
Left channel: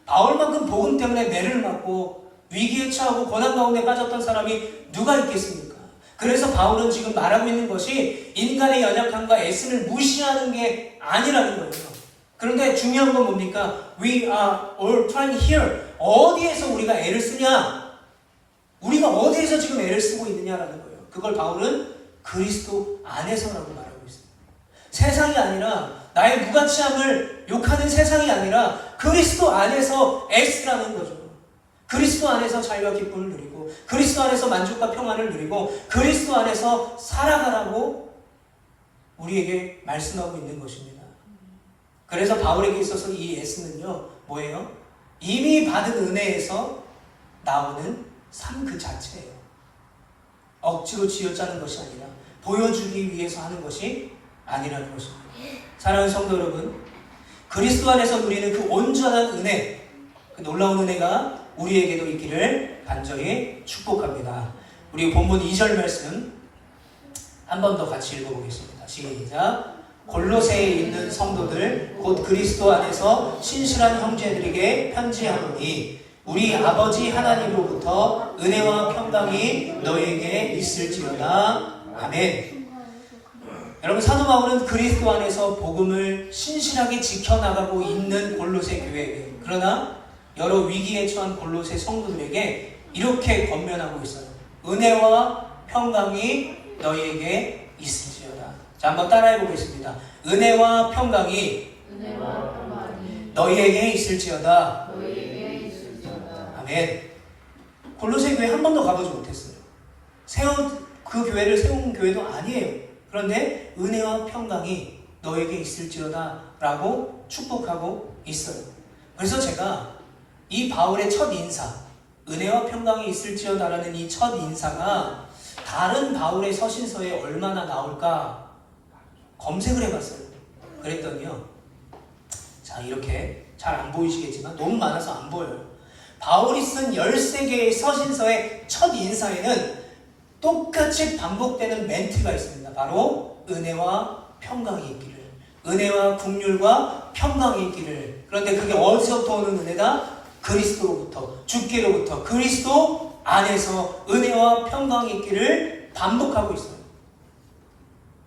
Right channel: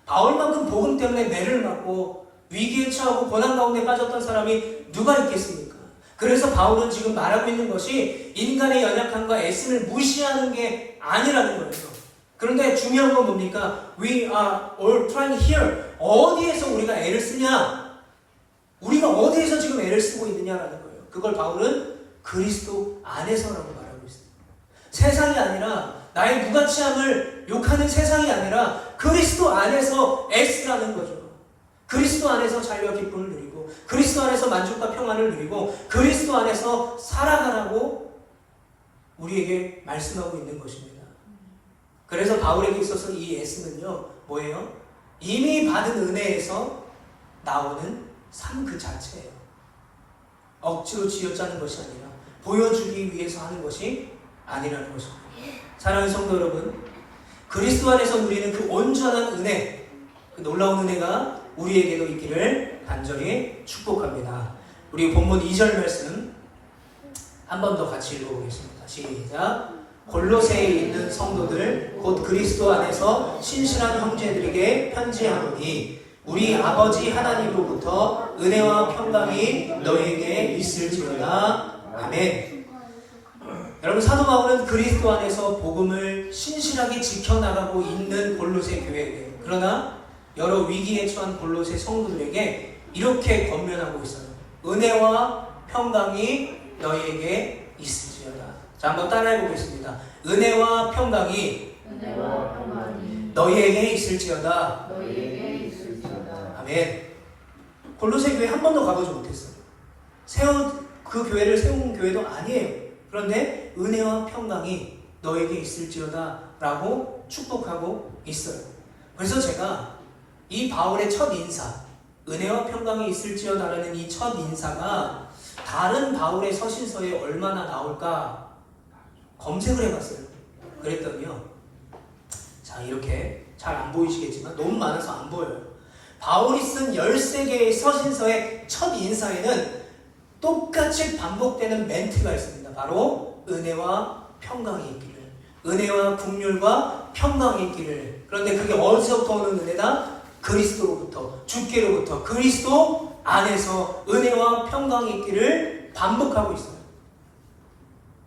바울만큼 복음 때문에 매를 맞고 위기에 처하고 고난 가운데 빠졌던 사람이 누가 있겠습니까? 그래서 바울은 지금 말하고 있는 것이 인간의 연약함과 애씀을 무시하는 게 아니라는 거예요. 그런데 중요한 건 뭡니까? We are all trying here. 어디에서 우리가 애를 쓰냐? 우리가 어디에서 지금 애를 쓰고 있느냐라는 거예요. 그걸 바울은 그리스도 안에서라고 말하고 있어요. 세상이 아니라 나의 무가치함을 욕하는 세상이 아니라 그리스도 안에서 애쓰라는 거죠. 그리스도 안에서 자유와 기쁨을 누리고 그리스도 안에서 만족과 평안을 누리고 그리스도 안에서 살아가라고 우리에게 말씀하고 있는 것입니다. 그래서 바울에게 있어서 이 애쓰는요 뭐예요? 이미 받은 은혜에서 나오는 삶 그 자체예요. 억지로 쥐어짜는 것이 아니라 보여주기 위해서 하는 것이 아니라는 것입니다. 사랑하는 성도 여러분, 그리스도 안에서 누리는 그 온전한 은혜, 그 놀라운 은혜가 우리에게도 있기를 간절히 축복합니다. 우리 본문 2절 말씀 한 번 더 같이 읽어보겠습니다. 시작. 골로새에 있는 성도들 곧 그리스도 안에서 신실한 형제들에게 편지하노니 우리 아버지 하나님으로부터 은혜와 평강이 너희에게 있을지어다. 아멘. 여러분, 사도 바울은 그리스도 안에서 복음을 신실하게 지켜나가고 있는 골로새 교회에게, 그러나 여러 위기에 처한 골로새 성도들에게 이렇게 권면하고 있어요. 은혜와 평강이 너희에게 있을지어다. 자, 한번 따라해 보겠습니다. 은혜와 평강이 너희에게 있을지어다. 아멘. 골로새 교회 한 번도 가보지 못했어요. 그 교회를 세운 교회도 아니에요. 그런데 은혜와 평강이 너에게 있을지어다 라고 축복하고 있어요. 그래서 제가 이 바울의 첫 인사, 은혜와 평강이 있을지어다 라는 이 첫 인사가 다른 바울의 서신서에 얼마나 나올까 검색을 해봤어요. 그랬더니요, 자, 이렇게 잘 안 보이시겠지만 너무 많아서 안 보여요. 바울이 쓴 13개의 서신서의 첫 인사에는 똑같이 반복되는 멘트가 있습니다. 바로 은혜와 평강이 있기를, 은혜와 긍휼과 평강이 있기를. 그런데 그게 어디서부터 오는 은혜다? 그리스도로부터, 주께로부터, 그리스도 안에서 은혜와 평강이 있기를 반복하고 있어요.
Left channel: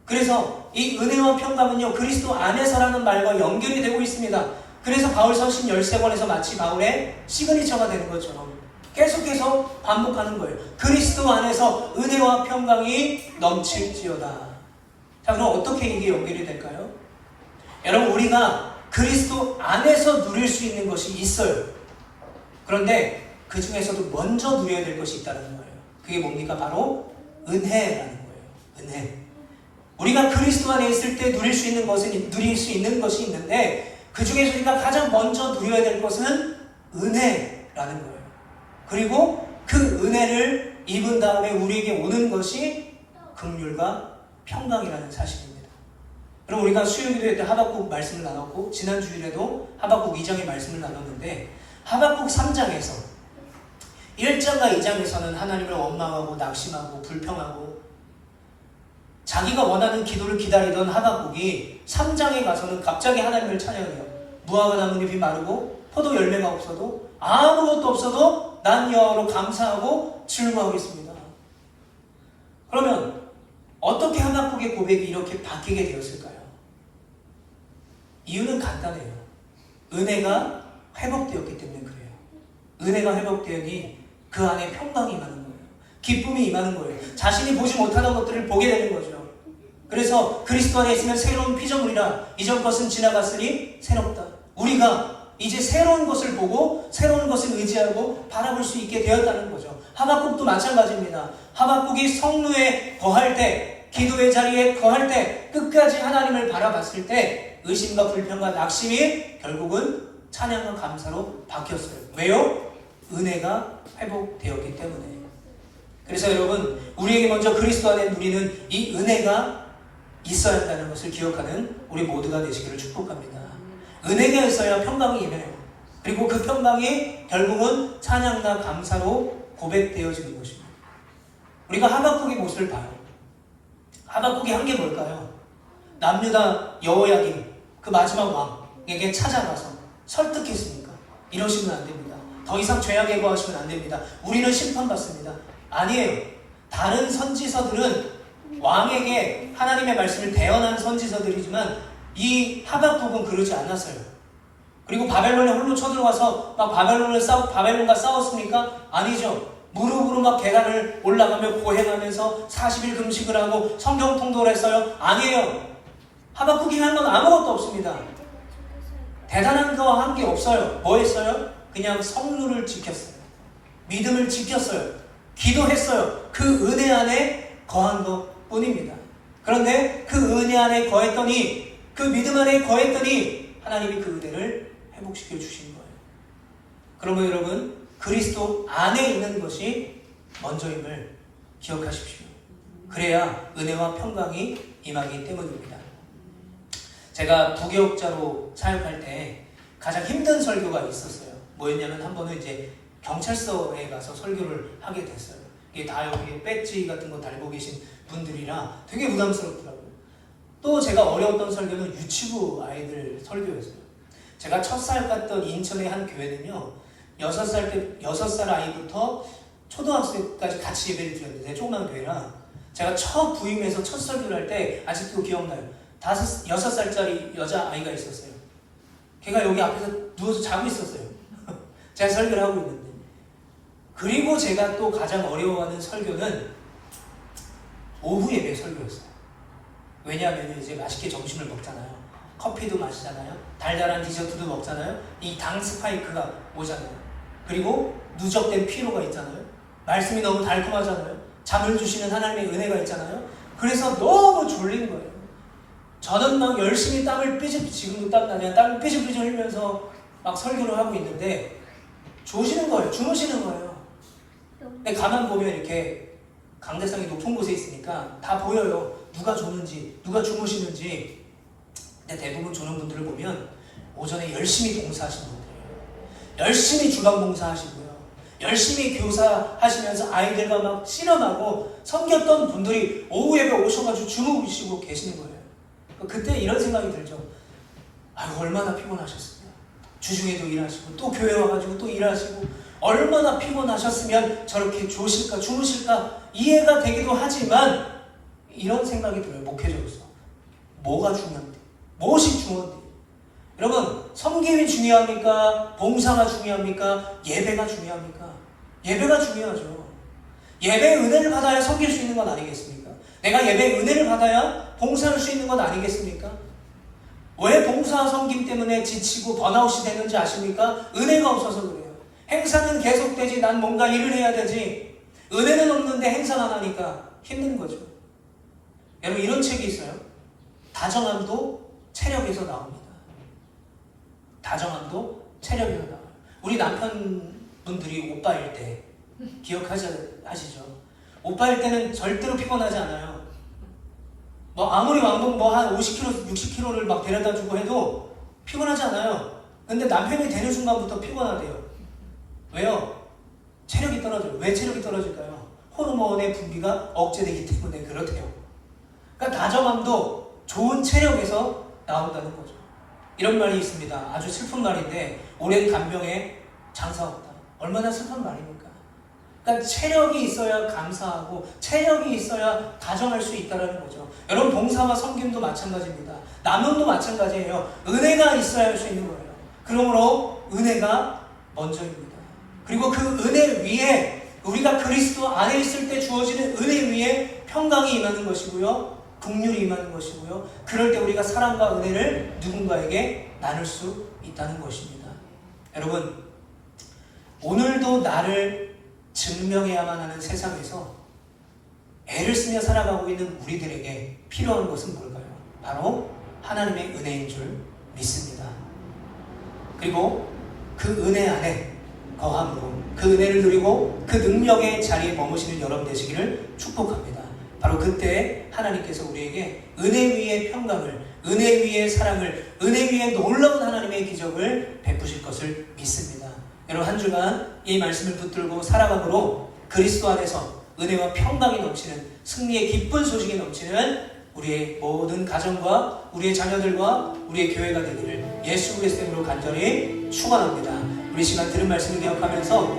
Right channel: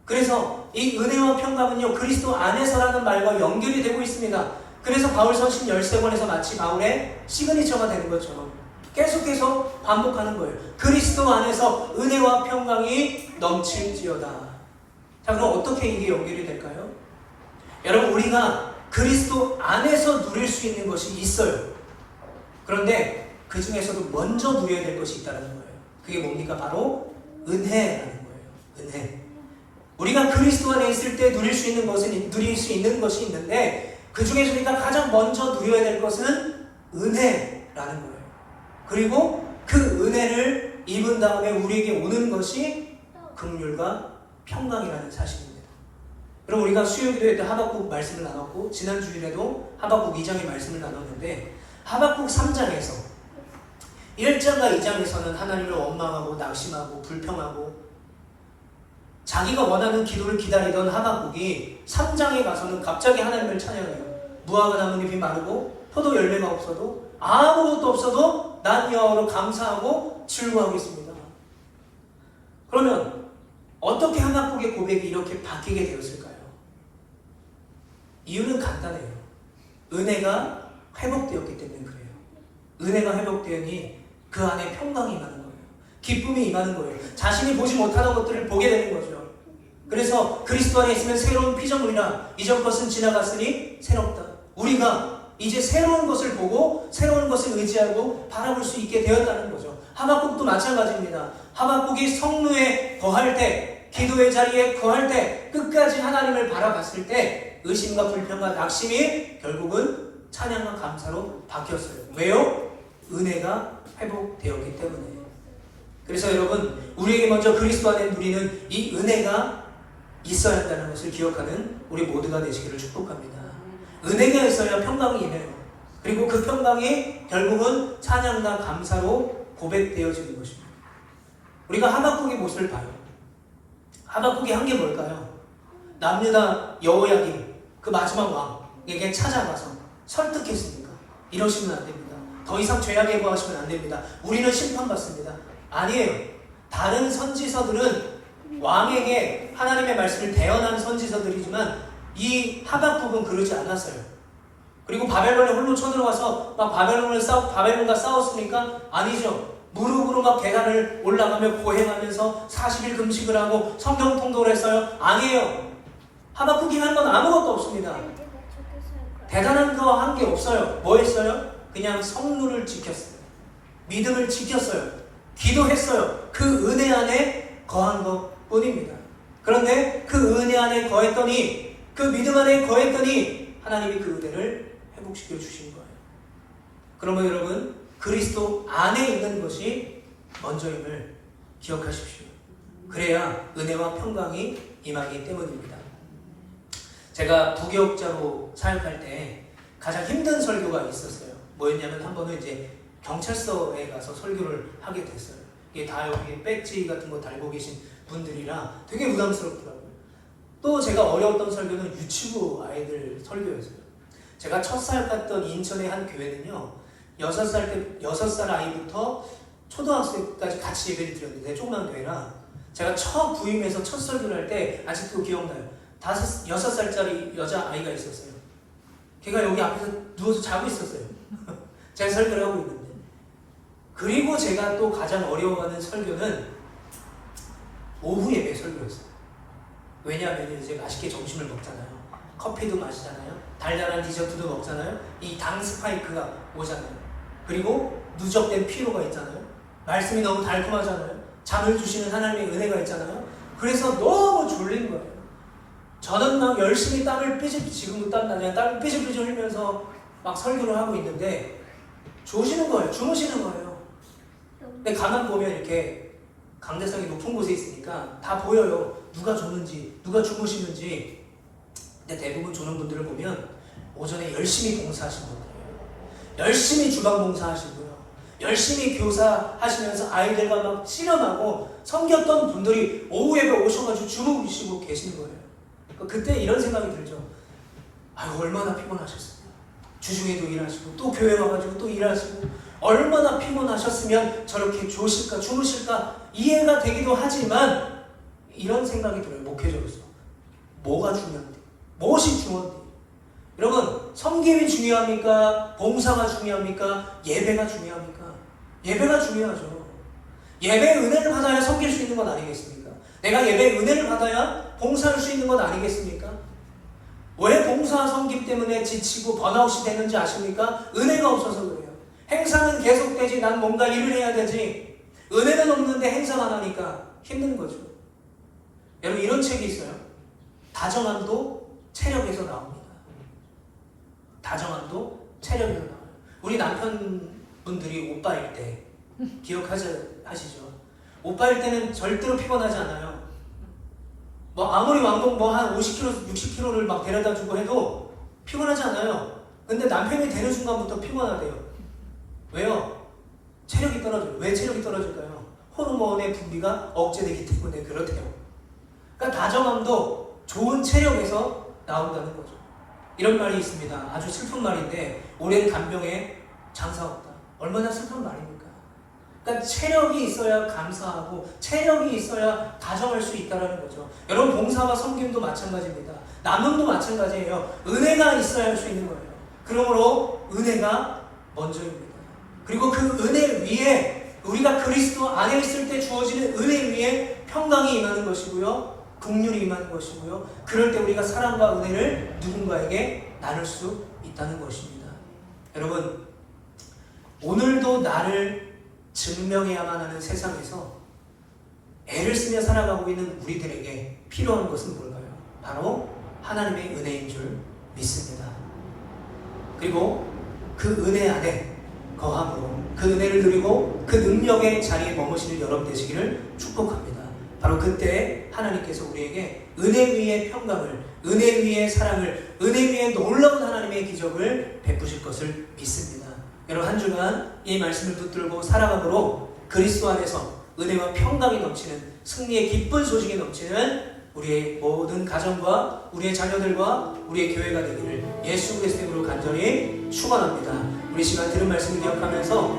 그래서 이 은혜와 평강은요, 그리스도 안에서라는 말과 연결이 되고 있습니다. 그래서 바울 서신 13권에서 마치 바울의 시그니처가 되는 것처럼 계속해서 반복하는 거예요. 그리스도 안에서 은혜와 평강이 넘칠지어다. 자, 그럼 어떻게 이게 연결이 될까요? 여러분, 우리가 그리스도 안에서 누릴 수 있는 것이 있어요. 그런데 그 중에서도 먼저 누려야 될 것이 있다는 거예요. 그게 뭡니까? 바로 은혜라는 거예요. 은혜. 우리가 그리스도 안에 있을 때 누릴 수 있는 것이 있는데, 그 중에서 우리가 가장 먼저 누려야 될 것은 은혜라는 거예요. 그리고 그 은혜를 입은 다음에 우리에게 오는 것이 긍휼과 평강이라는 사실입니다. 여러분, 우리가 수요일에 하박국 말씀을 나눴고, 지난 주일에도 하박국 2장의 말씀을 나눴는데, 하박국 3장에서 1장과 2장에서는 하나님을 원망하고 낙심하고 불평하고 자기가 원하는 기도를 기다리던 하박국이 3장에 가서는 갑자기 하나님을 찬양해요. 무화과 나뭇잎이 마르고 포도 열매가 없어도, 아무것도 없어도 난 여호와로 감사하고 즐거워하겠습니다. 그러면 어떻게 하박국의 고백이 이렇게 바뀌게 되었을까요? 이유는 간단해요. 은혜가 회복되었기 때문에 그래요. 은혜가 회복되니 그 안에 평강이 임하는 거예요. 기쁨이 임하는 거예요. 자신이 보지 못하는 것들을 보게 되는 거죠. 그래서 그리스도 안에 있으면 새로운 피조물이라, 이전 것은 지나갔으니 새롭다. 우리가 이제 새로운 것을 보고 새로운 것을 의지하고 바라볼 수 있게 되었다는 거죠. 하박국도 마찬가지입니다. 하박국이 성루에 거할 때, 기도의 자리에 거할 때, 끝까지 하나님을 바라봤을 때 의심과 불평과 낙심이 결국은 찬양과 감사로 바뀌었어요. 왜요? 은혜가 회복되었기 때문에. 그래서 여러분, 우리에게 먼저 그리스도 안에 누리는 이 은혜가 있어야 한다는 것을 기억하는 우리 모두가 되시기를 축복합니다. 은혜가 있어야 평강이 임해요. 그리고 그 평강이 결국은 찬양과 감사로 고백되어지는 것입니다. 우리가 하박국의 모습을 봐요. 하박국이 한 게 뭘까요? 남유다 여호야김, 그 마지막 왕에게 찾아가서 설득했습니까? 이러시면 안 됩니다. 더 이상 죄악에 거하시면 안 됩니다. 우리는 심판받습니다. 아니에요. 다른 선지서들은 왕에게 하나님의 말씀을 대언한 선지서들이지만 이 하박국은 그러지 않았어요. 그리고 바벨론에 홀로 쳐들어와서 막 바벨론과 싸웠습니까? 아니죠. 무릎으로 막 계단을 올라가며 고행하면서 40일 금식을 하고 성경 통독을 했어요? 아니에요. 하박국이 한 건 아무것도 없습니다. 대단한 거 한 게 없어요. 뭐 했어요? 그냥 성루를 지켰어요. 믿음을 지켰어요. 기도했어요. 그 은혜 안에 거한 것 뿐입니다. 그런데 그 은혜 안에 거했더니, 그 믿음 안에 거했더니 하나님이 그 은혜를 회복시켜 주신 거예요. 그러면 여러분, 그리스도 안에 있는 것이 먼저임을 기억하십시오. 그래야 은혜와 평강이 임하기 때문입니다. 제가 부교육자로 사역할 때 가장 힘든 설교가 있었어요. 뭐였냐면, 한 번은 이제 경찰서에 가서 설교를 하게 됐어요. 이게 다 여기 배지 같은 거 달고 계신 분들이라 되게 부담스럽더라고요. 또 제가 어려웠던 설교는 유치부 아이들 설교였어요. 제가 첫살 갔던 인천의 한 교회는요, 6살 아이부터 초등학생까지 같이 예배를 드렸는데, 조그만 교회라 제가 첫 부임해서 첫 설교를 할 때 아직도 기억나요. 6살짜리 여자아이가 있었어요. 걔가 여기 앞에서 누워서 자고 있었어요. 제가 설교를 하고 있는데. 그리고 제가 또 가장 어려워하는 설교는 오후 예배 설교였어요. 왜냐하면 이제 맛있게 점심을 먹잖아요. 커피도 마시잖아요. 달달한 디저트도 먹잖아요. 이 당 스파이크가 오잖아요. 그리고 누적된 피로가 있잖아요. 말씀이 너무 달콤하잖아요. 잠을 주시는 하나님의 은혜가 있잖아요. 그래서 너무 졸린 거예요. 저는 막 열심히 지금도 땀나냐, 땀을 삐질삐질 흘면서 막 설교를 하고 있는데 조시는 거예요. 주무시는 거예요. 근데 가만 보면 이렇게 강대상이 높은 곳에 있으니까 다 보여요. 누가 줬는지, 누가 주무시는지. 근데 대부분 조는 분들을 보면 오전에 열심히 봉사하신 분들이에요. 열심히 주방 봉사하시고요. 열심히 교사하시면서 아이들과 막 씨름하고 섬겼던 분들이 오후 예배 오셔가지고 주무시고 계시는 거예요. 그때 이런 생각이 들죠. 아유, 얼마나 피곤하셨어요. 주중에도 일하시고 또 교회 와가지고 또 일하시고 얼마나 피곤하셨으면 저렇게 조실까 주무실까 이해가 되기도 하지만 이런 생각이 들어요. 목회자로서 뭐가 중요한데, 무엇이 중요한데. 여러분, 섬김이 중요합니까? 봉사가 중요합니까? 예배가 중요합니까? 예배가 중요하죠. 예배의 은혜를 받아야 섬길 수 있는 건 아니겠습니까? 내가 예배의 은혜를 받아야 봉사할 수 있는 건 아니겠습니까? 왜 봉사 섬김 때문에 지치고 번아웃이 되는지 아십니까? 은혜가 없어서 그래요. 행사는 계속되지, 난 뭔가 일을 해야 되지. 은혜는 없는데 행사만 하니까 힘든 거죠. 여러분, 이런 책이 있어요. 다정함도 체력에서 나옵니다. 다정함도 체력에서 나와요. 우리 남편분들이 오빠일 때 기억하시죠? 오빠일 때는 절대로 피곤하지 않아요. 뭐 아무리 왕복 한 50km, 60km를 막 데려다 주고 해도 피곤하지 않아요. 근데 남편이 되는 순간부터 피곤하대요. 왜요? 체력이 떨어져요. 왜 체력이 떨어질까요? 호르몬의 분비가 억제되기 때문에 그렇대요. 그러니까 다정함도 좋은 체력에서 나온다는 거죠. 이런 말이 있습니다. 아주 슬픈 말인데, 오랜 간병에 장사 없다. 얼마나 슬픈 말입니까? 그러니까 체력이 있어야 감사하고 체력이 있어야 다정할 수 있다는 거죠. 여러분, 봉사와 섬김도 마찬가지입니다. 나눔도 마찬가지예요. 은혜가 있어야 할 수 있는 거예요. 그러므로 은혜가 먼저입니다. 그리고 그 은혜 위에, 우리가 그리스도 안에 있을 때 주어지는 은혜 위에 평강이 임하는 것이고요, 긍휼이 임하는 것이고요, 그럴 때 우리가 사랑과 은혜를 누군가에게 나눌 수 있다는 것입니다. 여러분, 오늘도 나를 증명해야만 하는 세상에서 애를 쓰며 살아가고 있는 우리들에게 필요한 것은 뭘까요? 바로 하나님의 은혜인 줄 믿습니다. 그리고 그 은혜 안에 거함으로 그 은혜를 누리고 그 능력의 자리에 머무시는 여러분 되시기를 축복합니다. 바로 그때 하나님께서 우리에게 은혜 위의 평강을, 은혜 위의 사랑을, 은혜 위의 놀라운 하나님의 기적을 베푸실 것을 믿습니다. 여러분, 한 주간 이 말씀을 붙들고 살아가도록 그리스도 안에서 은혜와 평강이 넘치는, 승리의 기쁜 소식이 넘치는 우리의 모든 가정과 우리의 자녀들과 우리의 교회가 되기를 예수 그리스도 이름으로 간절히 축원합니다. 우리 시간 들은 말씀을 기억하면서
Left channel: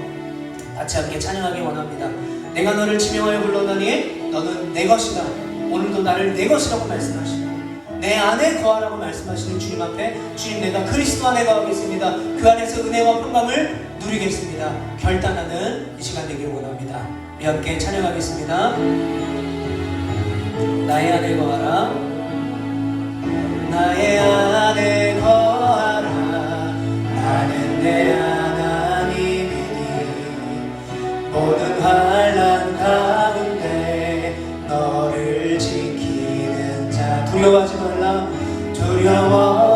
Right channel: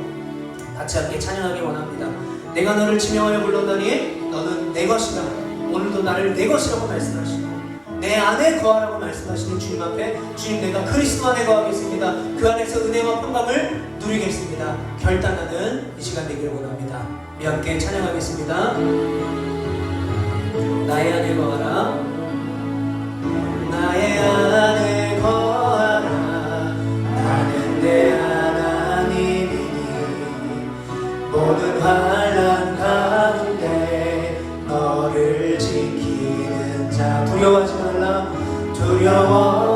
같이 함께 찬양하기 원합니다. 내가 너를 지명하여 불렀더니 너는 내 것이다. 오늘도 나를 내 것이라고 말씀하시고 내 안에 거하라고 말씀하시는 주님 앞에, 주님, 내가 그리스도 안에 거하겠습니다. 그 안에서 은혜와 평강을 누리겠습니다. 결단하는 이 시간 되기를 원합니다. 우리 함께 찬양하겠습니다. 나의 안에 거하라, 나의 안에 거하라, 나는 내 하나님이니 모든 환난 가운데 너를 지키는 자. 두려워하지 말라, 두려워